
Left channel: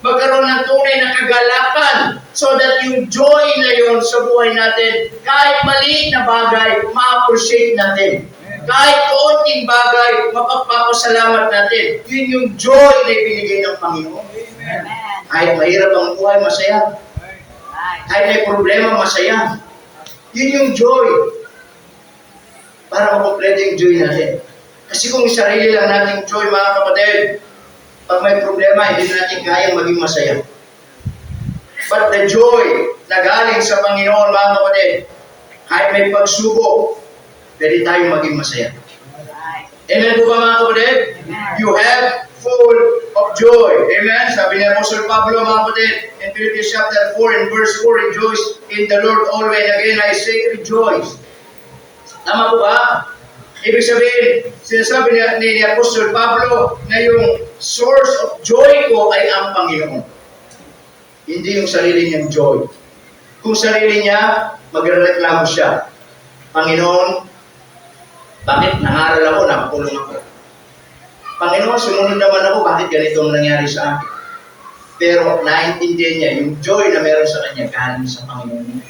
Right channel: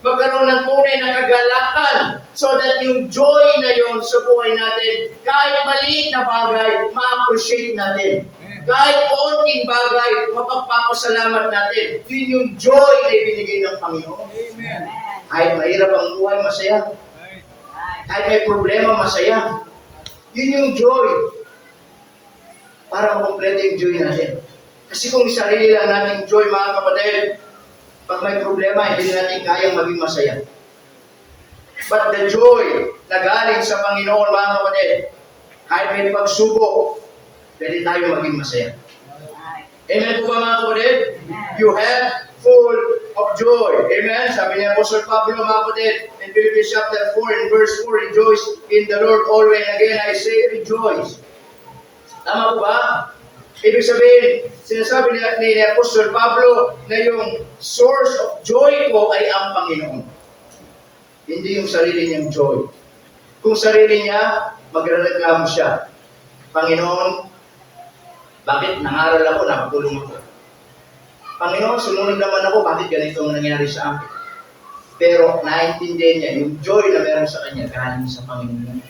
Magkaroon ng tunay na kagalakan so that yung joy na yon sa buhay natin, kahit maliit na bagay, ma-appreciate natin. Kahit kaunting bagay, mapagpapasalamat natin. Yun yung joy na ibinigay ng Panginoon. Amen. Kahit mahirap ang buhay, masaya. Kahit may problema, masaya. Yun yung joy. Para makompleto yung joy natin. Kasi kung sarili lang nating joy, mga kapatid, pag may problema, hindi na natin kayang maging masaya. But the joy na galing sa Panginoon, mga kapatid, kahit may pagsubok, pwede tayong maging masaya. Amen po ba mga kapatid? Amen. You have full of joy. Amen? Sabi ni Apostle Pablo, mga kapatid, in Philippians chapter 4, in verse 4, rejoice in the Lord always. And again, I say, rejoice. Tama po ba? Ibig sabihin, sinasabi ni Apostle Pablo na yung source of joy ko ay ang Panginoon. Hindi yung sarili niyang joy. Kung sarili niya, magrereklamo siya. Panginoon, bakit nangaral ako, nakakulong ako? Panginoon, sumunod naman ako, bakit ganito ang nangyari sa akin? Pero naintindihan niya, yung joy na meron sa kanya, galing sa Panginoon.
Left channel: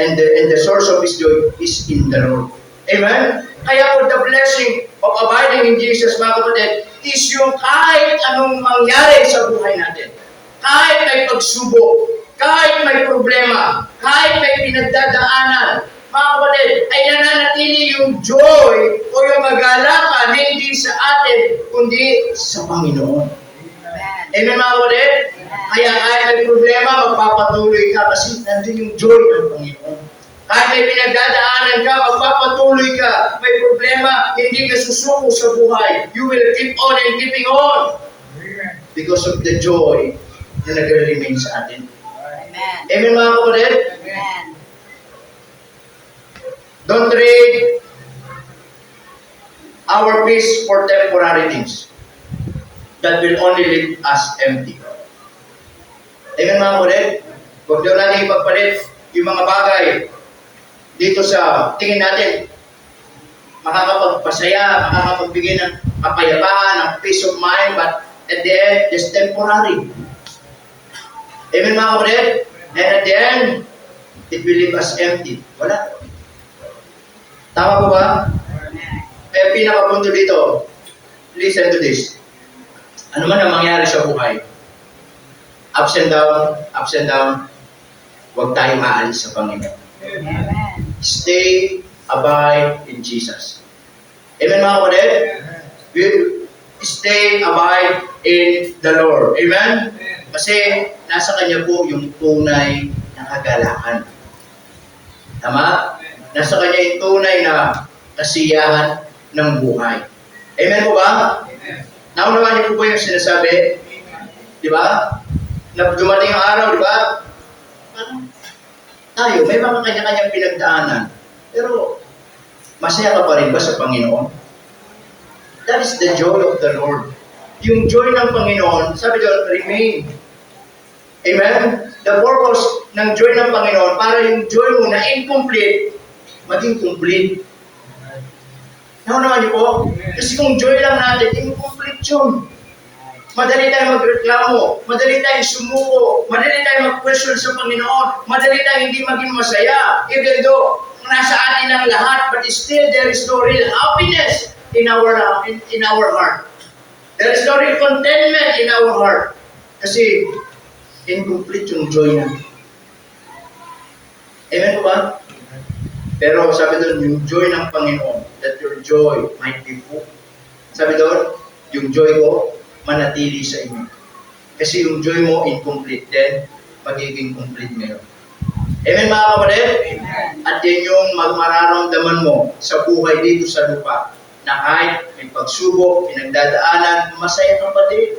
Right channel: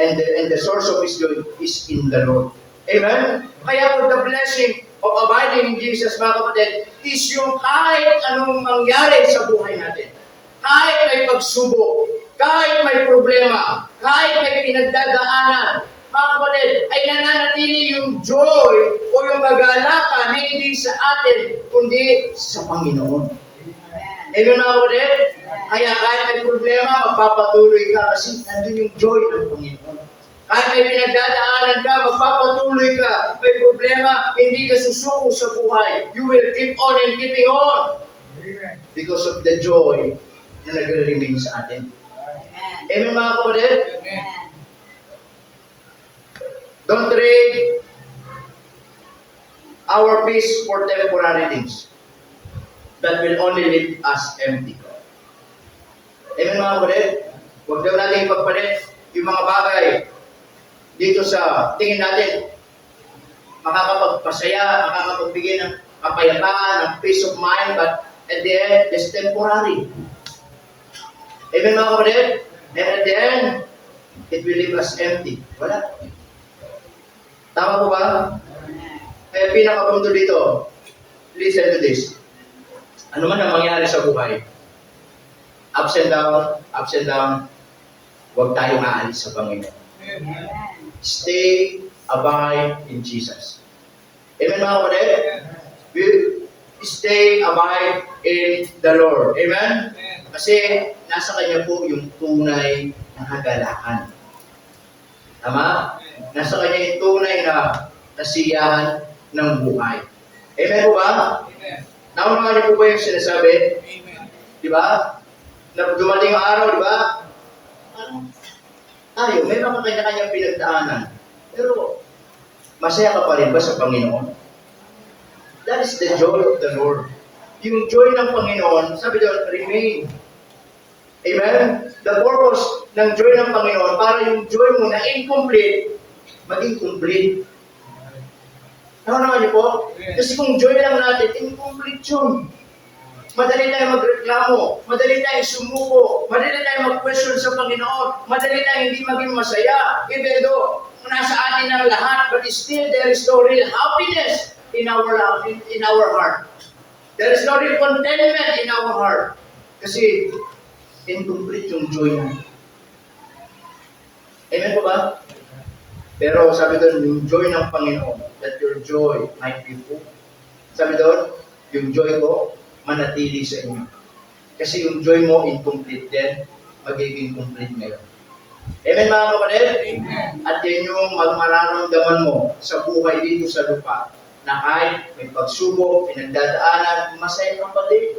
And the source of his joy is in the Lord. Amen? Kaya po the blessing of abiding in Jesus, mga kapatid, is yung kahit anong mangyari sa buhay natin. Kahit may pagsubok, kahit may problema, kahit may pinagdadaanan, mga kapatid, ay nananatili yung joy o yung kagalakan hindi sa atin, kundi sa Panginoon. Amen. Amen mga kapatid? Kaya kahit may problema, magpapatuloy ka kasi nandun yung joy ng Panginoon. Kahit may pinagdadaanan ka, magpapatuloy ka. May problema, hindi ka susuko sa buhay. You will keep on and keeping on because of the joy na nagre-remain sa atin. Amen. Amen mga kapatid? Amen. Don't trade our peace for temporary things that will only leave us empty. Amen mga kapatid? Huwag daw natin ipagpalit yung mga bagay dito sa tingin natin makakapagpasaya, makakapagbigay ng kapayapaan, ng peace of mind, but at the end, it's temporary. Amen mga kapatid? And at the end, it will leave us empty. Wala. Tama po ba? Amen. Kaya pinakapunto dito, listen to this. Ano man ang mangyari sa buhay, ups and down, huwag tayong aalis sa Panginoon. Amen. Stay, abide in Jesus. Amen mga kapatid? We stay, abide in the Lord. Amen? Kasi nasa Kanya po yung tunay na kagalakan. Tama? Nasa Kanya yung tunay na kasiyahan ng buhay. Amen po ba? Naunawaan niyo po ba yung sinasabi? Di ba? Na dumating ang araw, di ba? Parang tayo, may mga kanya-kanyang pinagdaanan. Pero, masaya ka pa rin ba sa Panginoon? That is the joy of the Lord. Yung joy ng Panginoon, sabi doon, remain. Amen? The purpose ng joy ng Panginoon, para yung joy mo na incomplete, maging complete. Nakunawa niyo po? Kasi kung joy lang natin, incomplete yun. Madali tayo magreklamo, madali tayo sumuko, madali tayo mag-question sa Panginoon, madali tayo hindi maging masaya, even though nasa atin ang lahat, but still there is no real happiness in our heart. There is no real contentment in our heart. Kasi incomplete yung joy natin. Amen po ba? Pero sabi doon, yung joy ng Panginoon, that your joy might be full. Sabi doon, yung joy ko, manatili sa inyo. Kasi yung joy mo incomplete, then magiging complete ngayon. Amen mga kapatid? Amen. At yan yung mararamdaman mo sa buhay dito sa lupa, na kahit may pagsubok, pinagdadaanan, masaya ka pa din.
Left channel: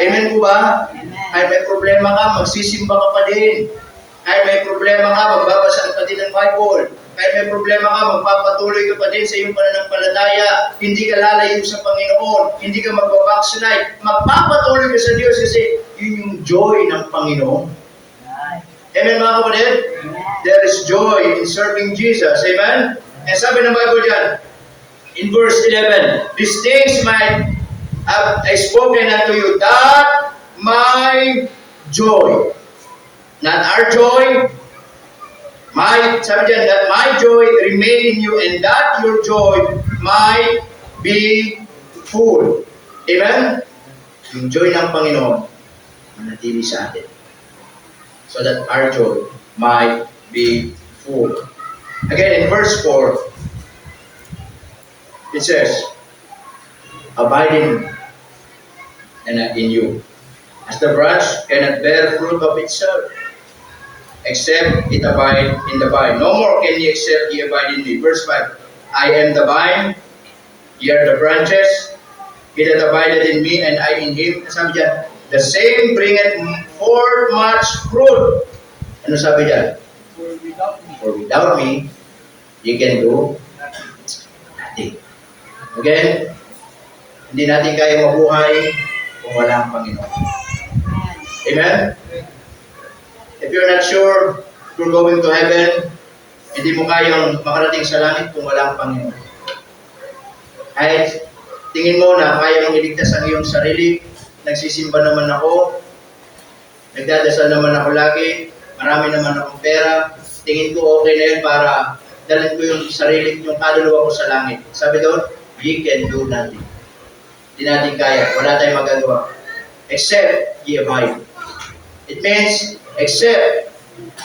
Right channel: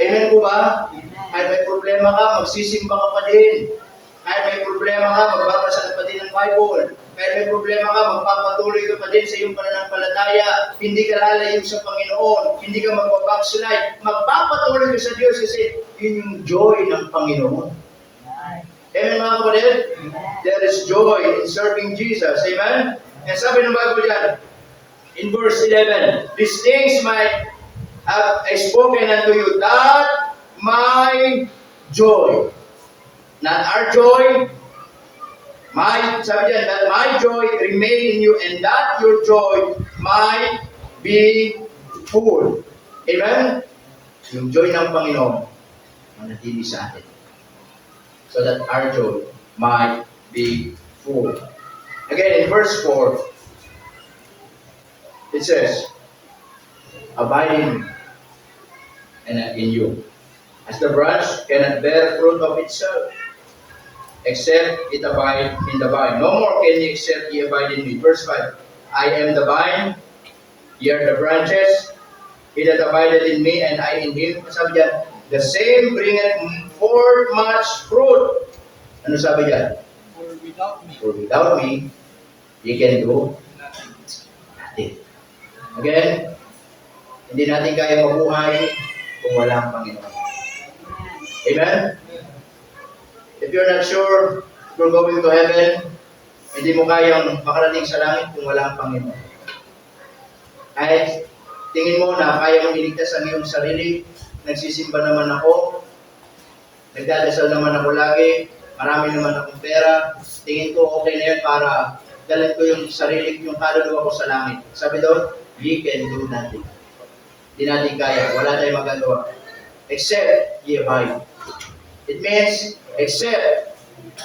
Amen po ba? Amen. Kahit may problema ka, magsisimba ka pa din. Kahit may problema ka, magbabasa ka pa din ng Bible. Kahit may problema ka, magpapatuloy ka pa din sa iyong pananampalataya. Hindi ka lalayo sa Panginoon. Hindi ka magbabackslide. Magpapatuloy ka sa Diyos kasi yun yung joy ng Panginoon. Amen mga kapatid? There is joy in serving Jesus. Amen? And sabi ng Bible dyan, in verse 11, these things might have I spoken unto you, that my joy, not our joy, sabi dyan, that my joy remain in you and that your joy might be full. Amen? Yung joy ng Panginoon, manatili sa atin. So that our joy might be full. Again, in verse 4, it says, abiding in you. As the branch cannot bear fruit of itself, except it abide in the vine. No more can ye except ye abide in me. Verse 5, I am the vine, ye are the branches. He that abideth in me, and I in him. Sabi dyan, the same bringeth forth much fruit. Ano sabi dyan? For without me, ye can do nothing. Again, hindi natin kaya mabuhay kung wala ang Panginoon. Amen? If you're not sure if you're going to heaven, hindi mo kayang makarating sa langit kung wala ang Panginoon. Kahit tingin mo na kaya mong iligtas ang iyong sarili, nagsisimba naman ako, nagdadasal naman ako lagi, marami naman akong pera, tingin ko okay na yun para dalhin ko yung sarili, yung kaluluwa ko sa langit. Sabi doon, ye can do nothing. Hindi natin kaya, wala tayong magagawa. Except ye abide. It means, except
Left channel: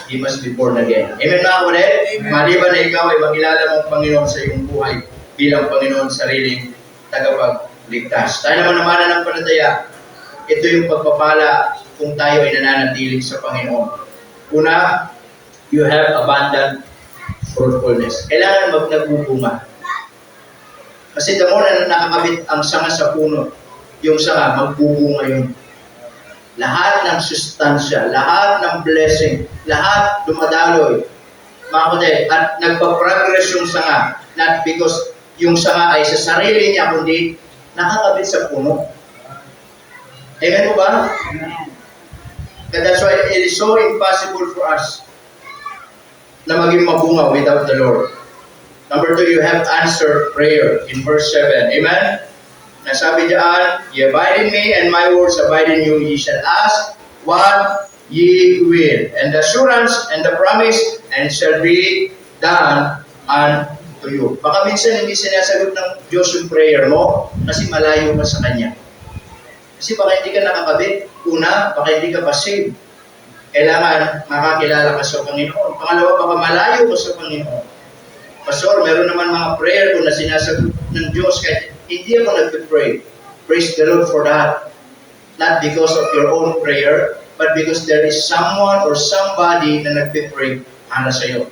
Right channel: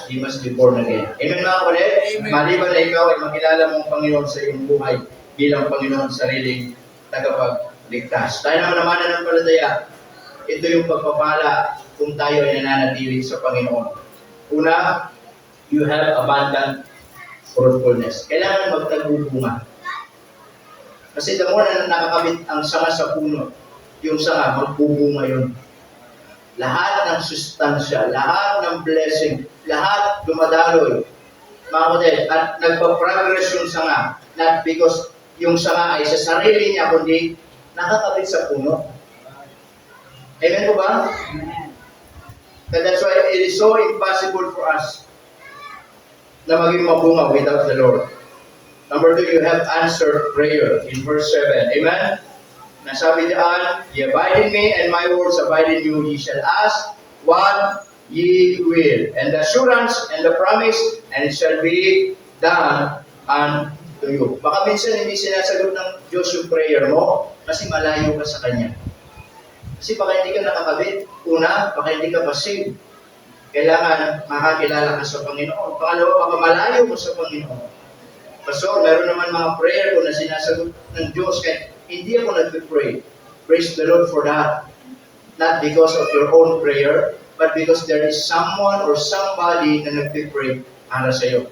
He must be born again. Amen mga kapatid? Maliban na ikaw ay makilala mong Panginoon sa iyong buhay bilang Panginoon sariling tagapagligtas. Tayo naman naman ng palataya. Ito yung pagpapala kung tayo ay nananatili sa Panginoon. Una, you have abundant fruitfulness. Kailangan nagbubunga. Kasi the more na nakakabit ang sanga sa puno, yung sanga, magbubunga yun. Lahat ng sustansya, lahat ng blessing, lahat dumadaloy. Mga kapatid, at nagpa-progress yung sanga, not because yung sanga ay sa sarili niya, kundi nakakabit sa puno. Amen po ba? Amen. And that's why it is so impossible for us na maging mabunga without the Lord. Number 2, you have answered prayer in verse 7. Amen? Nasabi diyan, ye abide in me and my words abide in you, ye shall ask what ye will. And the assurance and the promise, and it shall be done unto you. Baka minsan hindi sinasagot ng Diyos yung prayer mo kasi malayo ka sa Kanya. Kasi baka hindi ka nakakabit. Una, baka hindi ka pa saved. Kailangan makakilala ka sa Panginoon. Pangalawa, baka malayo ka sa Panginoon. Pastor, meron naman mga prayer ko na sinasagot ng Diyos kahit hindi ako nagpipray. Praise the Lord for that. Not because of your own prayer, but because there is someone or somebody na nagpipray para sa iyo.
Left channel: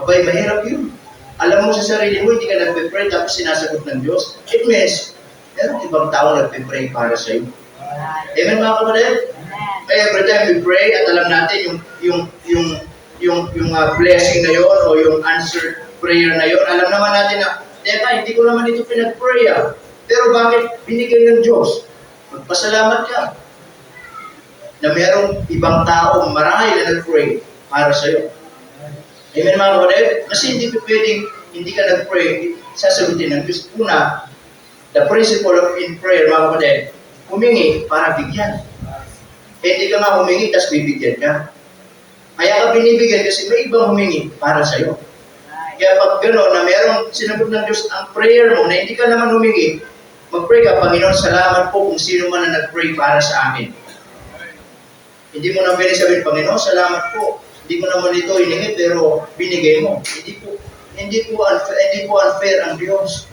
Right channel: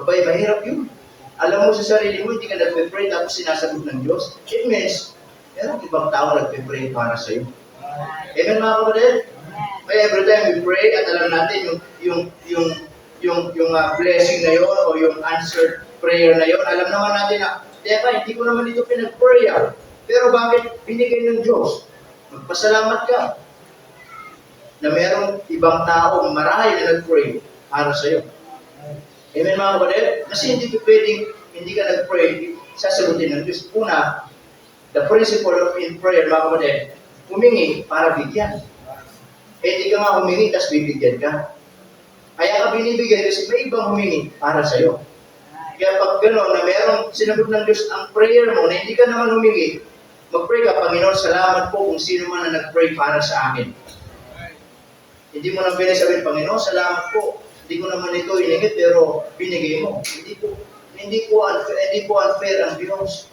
Abay, mahirap yun. Alam mo sa sarili mo, hindi ka nagpipray tapos sinasagot ng Diyos. It means, meron ibang tao nagpipray para sa iyo. Amen mga kapatid? Kaya every time we pray at alam natin yung blessing na yon o yung answered prayer na yon, alam naman natin na, teka, hindi ko naman ito pinag-pray pero bakit binigay ng Diyos? Magpasalamat ka na merong ibang tao marahil na nag-pray para sa iyo. Amen mga kapatid? Kasi hindi ko pwedeng hindi ka nag-pray, sasagutin ng Diyos. Una, the principle of in prayer mga kapatid, humingi para bigyan. Hindi ka nga humingi, tapos bibigyan ka. Kaya ka binibigyan kasi may ibang humingi para sa iyo. Kaya pag gano'n na merong sinagot ng Diyos ang prayer mo na hindi ka naman humingi, mag-pray ka, Panginoon, salamat po kung sino man na nag-pray para sa amin. Hindi mo na pwede sabihin, Panginoon, salamat po. Hindi ko naman ito hiningi pero binigay mo. Hindi po unfair ang Diyos.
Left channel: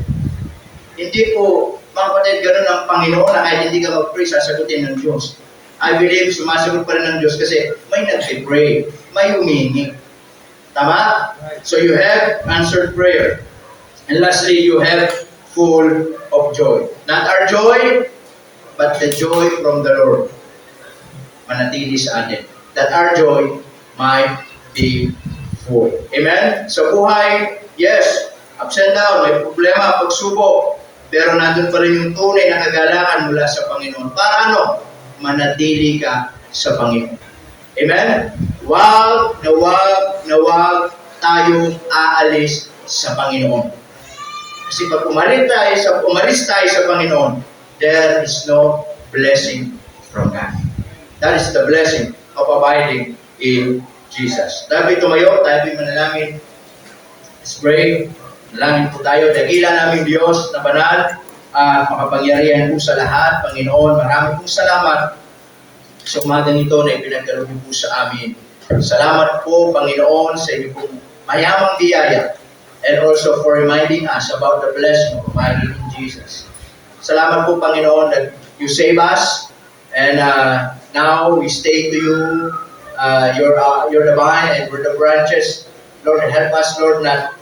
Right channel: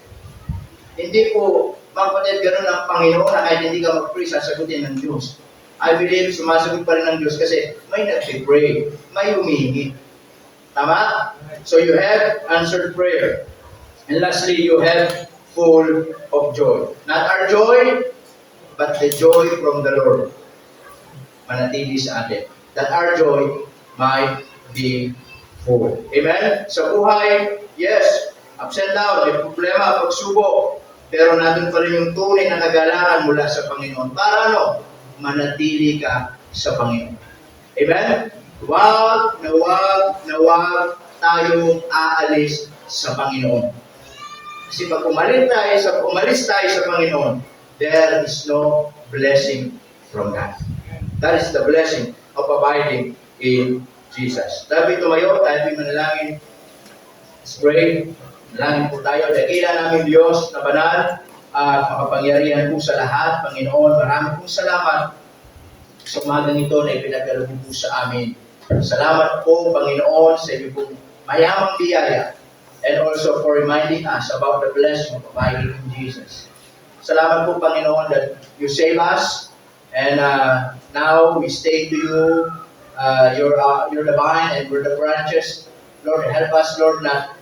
Hindi po, mga kapatid, gano'n ang Panginoon na kahit hindi ka mag-pray, sasagutin ng Diyos. I believe sumasagot pa rin ng Diyos kasi may nag-pray, may humingi. Tama? So you have answered prayer. And lastly, you have full of joy. Not our joy, but the joy from the Lord. Manatili sa atin. That our joy might be full. Amen? Sa buhay, yes, ups and down, may problema, pagsubok. Pero nandun pa rin yung tunay na kagalakan mula sa Panginoon. Para ano? Manatili ka sa Panginoon. Amen? Wag na tayong aalis sa Panginoon. Kasi pag umalis tayo sa Panginoon, there is no blessing from God. That is the blessing of abiding in Jesus. Tayo tumayo, tayo manalangin. Let's pray. Manalangin po tayo. Dakila namin Diyos na banal at makapangyarihan po sa lahat. Panginoon, marami pong salamat sa umagang ito na ipinagkaloob po sa amin. Salamat po, Panginoon, sa inyo pong mayamang biyaya and also for reminding us about the blessing of abiding in Jesus. Salamat po, Panginoon, that you save us and now we stay to you. You're the vine and we're the branches. Lord, help us, Lord, na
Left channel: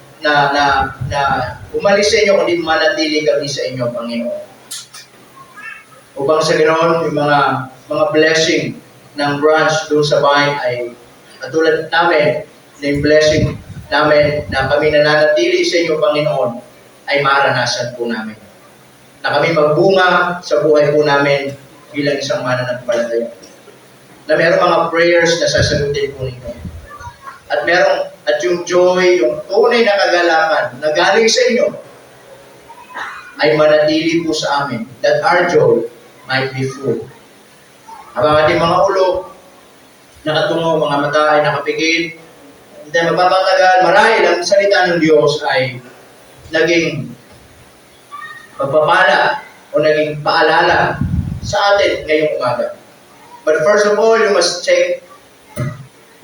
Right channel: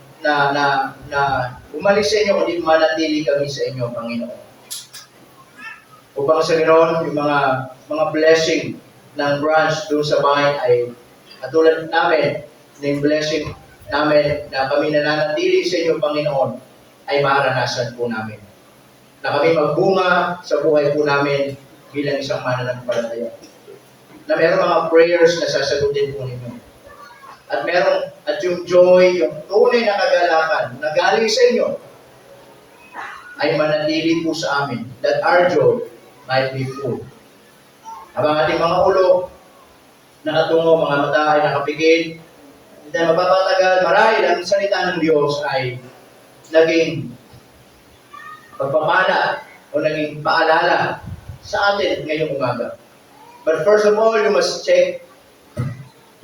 umalis sa inyo kundi manatili kami sa inyo, Panginoon. Upang sa ganoon, yung mga blessing ng branch doon sa vine ay katulad namin na yung blessing namin na kami nananatili sa inyo, Panginoon, ay maranasan po namin. Na kami magbunga sa buhay po namin bilang isang mananampalataya. Na merong mga prayers na sasagutin po ninyo. At yung joy, yung tunay na kagalakan na galing sa inyo ay manatili po sa amin. That our joy might be full. Habang ating mga ulo nakatungo, mga mata ay nakapikit, hindi magpapatagal, marahil ang salita ng Diyos ay naging pagpapala o naging paalala sa atin ngayong umaga. But first of all, you must check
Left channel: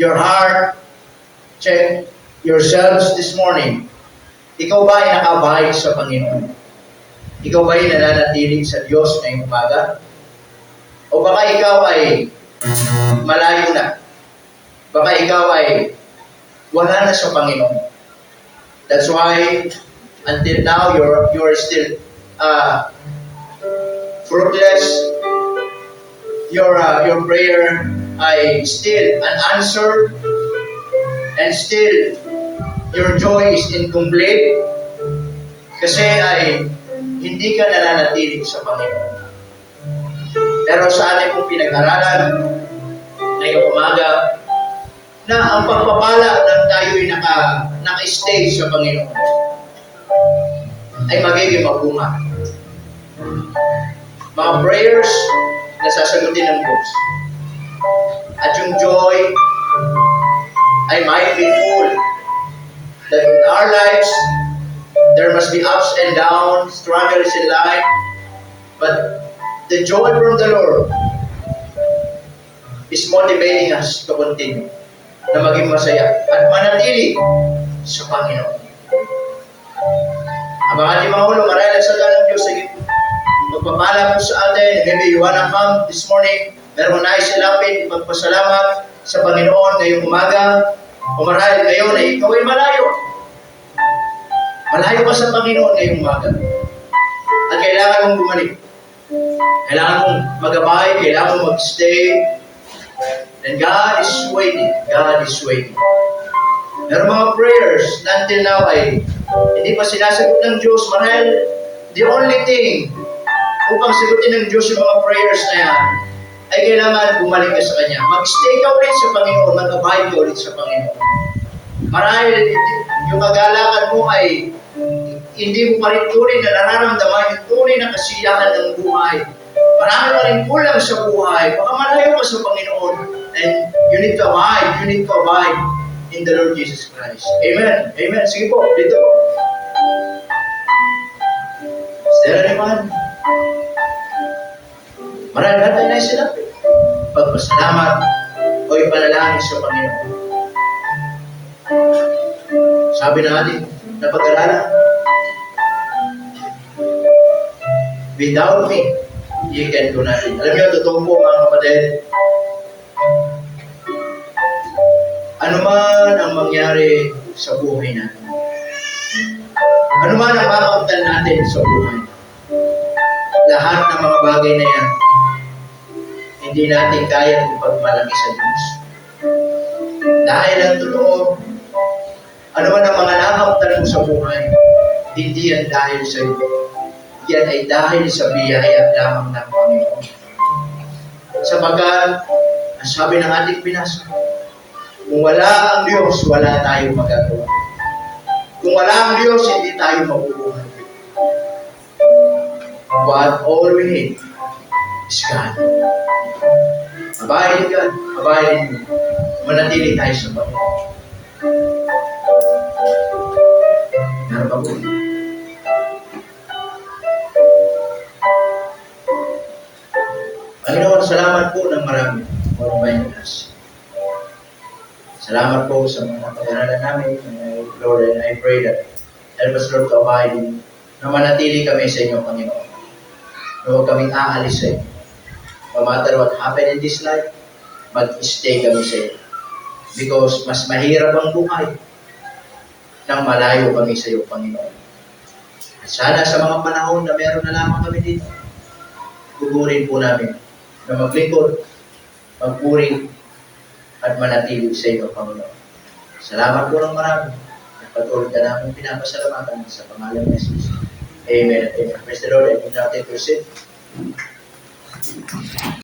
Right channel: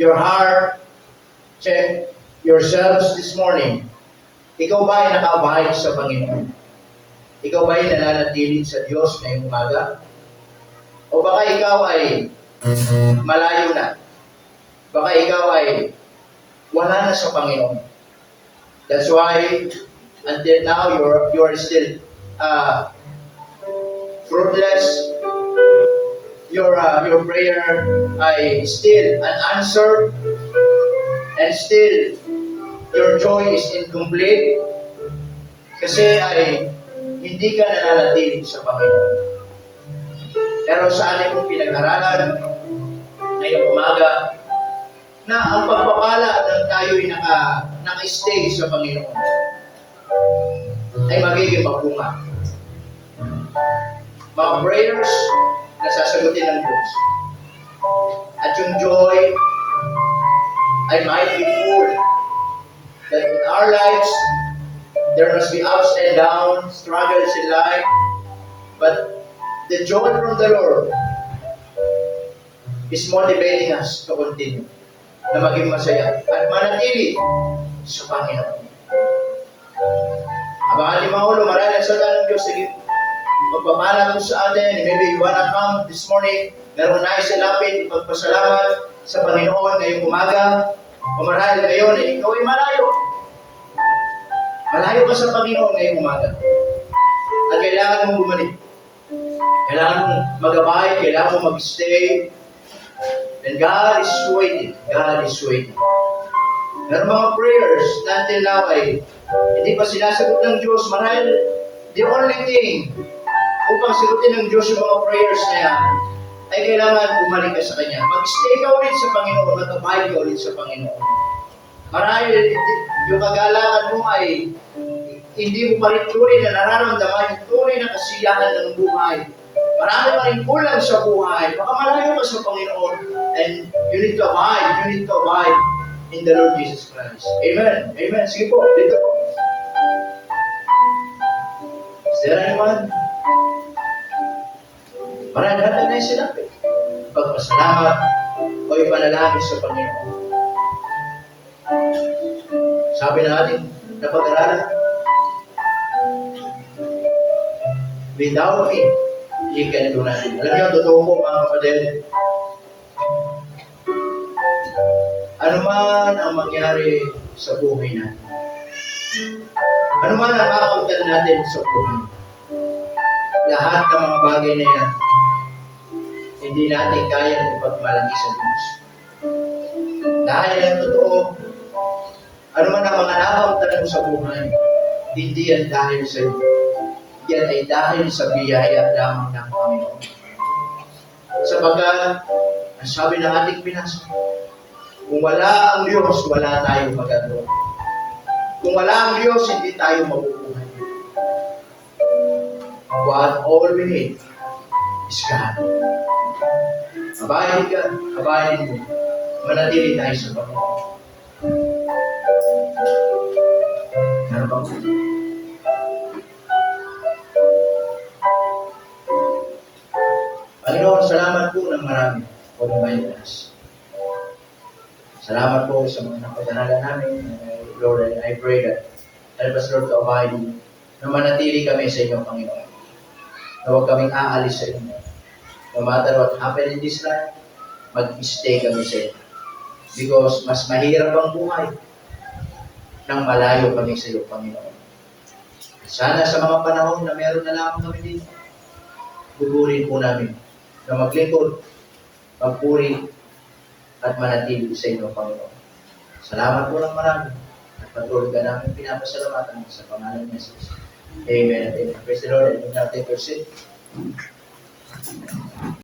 your heart, check yourselves this morning. Ikaw ba ay nakabahid sa Panginoon? Ikaw ba ay nananatili sa Diyos ngayong umaga? O baka ikaw ay malayo na? Baka ikaw ay wala na sa Panginoon. That's why until now you're still fruitless. Your prayer ay still unanswered, and still your joy is incomplete kasi ay hindi ka nananatili sa Panginoon. Pero sa ating pong pinag-aralan ngayong umaga, na ang pagpapala ng tayo'y naka-stay sa Panginoon ay magiging mabunga. Mga prayers na sasagutin ng Diyos. At yung joy ay might be full. That in our lives, there must be ups and downs, struggles in life, but the joy from the Lord is motivating us to continue, na maging masaya at manatili sa Panginoon. Ang ating mga ulo, maraming salita ng Diyos. Sige, magpapala po sa atin. Maybe you wanna come this morning, meron na isilapin, ipagpasalamat sa Panginoon ngayong umaga. O marahil ngayon ay ikaw ay malayo. Malayo ka sa Panginoon ngayong umaga. At kailangan mong bumalik. Kailangan mong magabay, kailangan mong magstay. And God is waiting. God is waiting. Meron mga prayers na until now ay hindi pa sinasagot ng Diyos. Marahil the only thing upang sagutin ng Diyos yung mga prayers na yan ay kailangan bumalik ka sa Kanya. Mag-stay ka ulit sa Panginoon. Mag-abide ka ulit sa Panginoon. Marahil yung kagalakan mo ay hindi mo pa rin tunay na nararamdaman yung tunay na kasiyahan ng buhay. Marami pa rin kulang sa buhay. Baka malayo ka sa Panginoon. And you need to abide. You need to abide in the Lord Jesus Christ. Amen. Amen. Sige po. Dito po. Is there anyone? Marami natin na isilap. Pagpasalamat o ipanalangin sa Panginoon. Sabi na natin na pag-aralan, without me, you can do nothing. Alam niyo, totoo po mga kapatid, ano man ang mangyari sa buhay natin, ano man ang makamtan natin sa buhay, lahat ng mga bagay na yan, hindi natin kayang ipagmalaki sa Diyos. Dahil ang totoo, ano man ang mga nakamtan mo sa buhay, hindi yan dahil sa iyo. Yan ay dahil sa biyaya lamang ng Panginoon. Sapagkat, ang sabi ng ating binasa, kung wala ang Diyos, wala tayong magagawa. Kung wala ang Diyos, hindi tayo mabubuhay. But all we need is God. Abahin God, abahin mo. Manatili tayo sa Panginoon. Meron pa po. Panginoon, salamat po ng marami for my class. Salamat po sa mga pag-aralan namin, Lord, and I pray that help us, Lord, to abide in, na manatili kami sa inyo, Panginoon. Na huwag kaming aalis sa inyo. No matter what happened in this life, mag-stay kami sa inyo. Because mas mahirap ang buhay nang malayo kami sa iyo, Panginoon. At sana sa mga panahon na meron na lamang kami dito, gugurin po namin na maglingkod, magpuri, at manatili sa iyo, Panginoon. Salamat po ng marami. At patuloy ka namin pinapasalamatan sa pangalan ng Jesus. Amen. Amen. Praise the Lord. And now take your seat.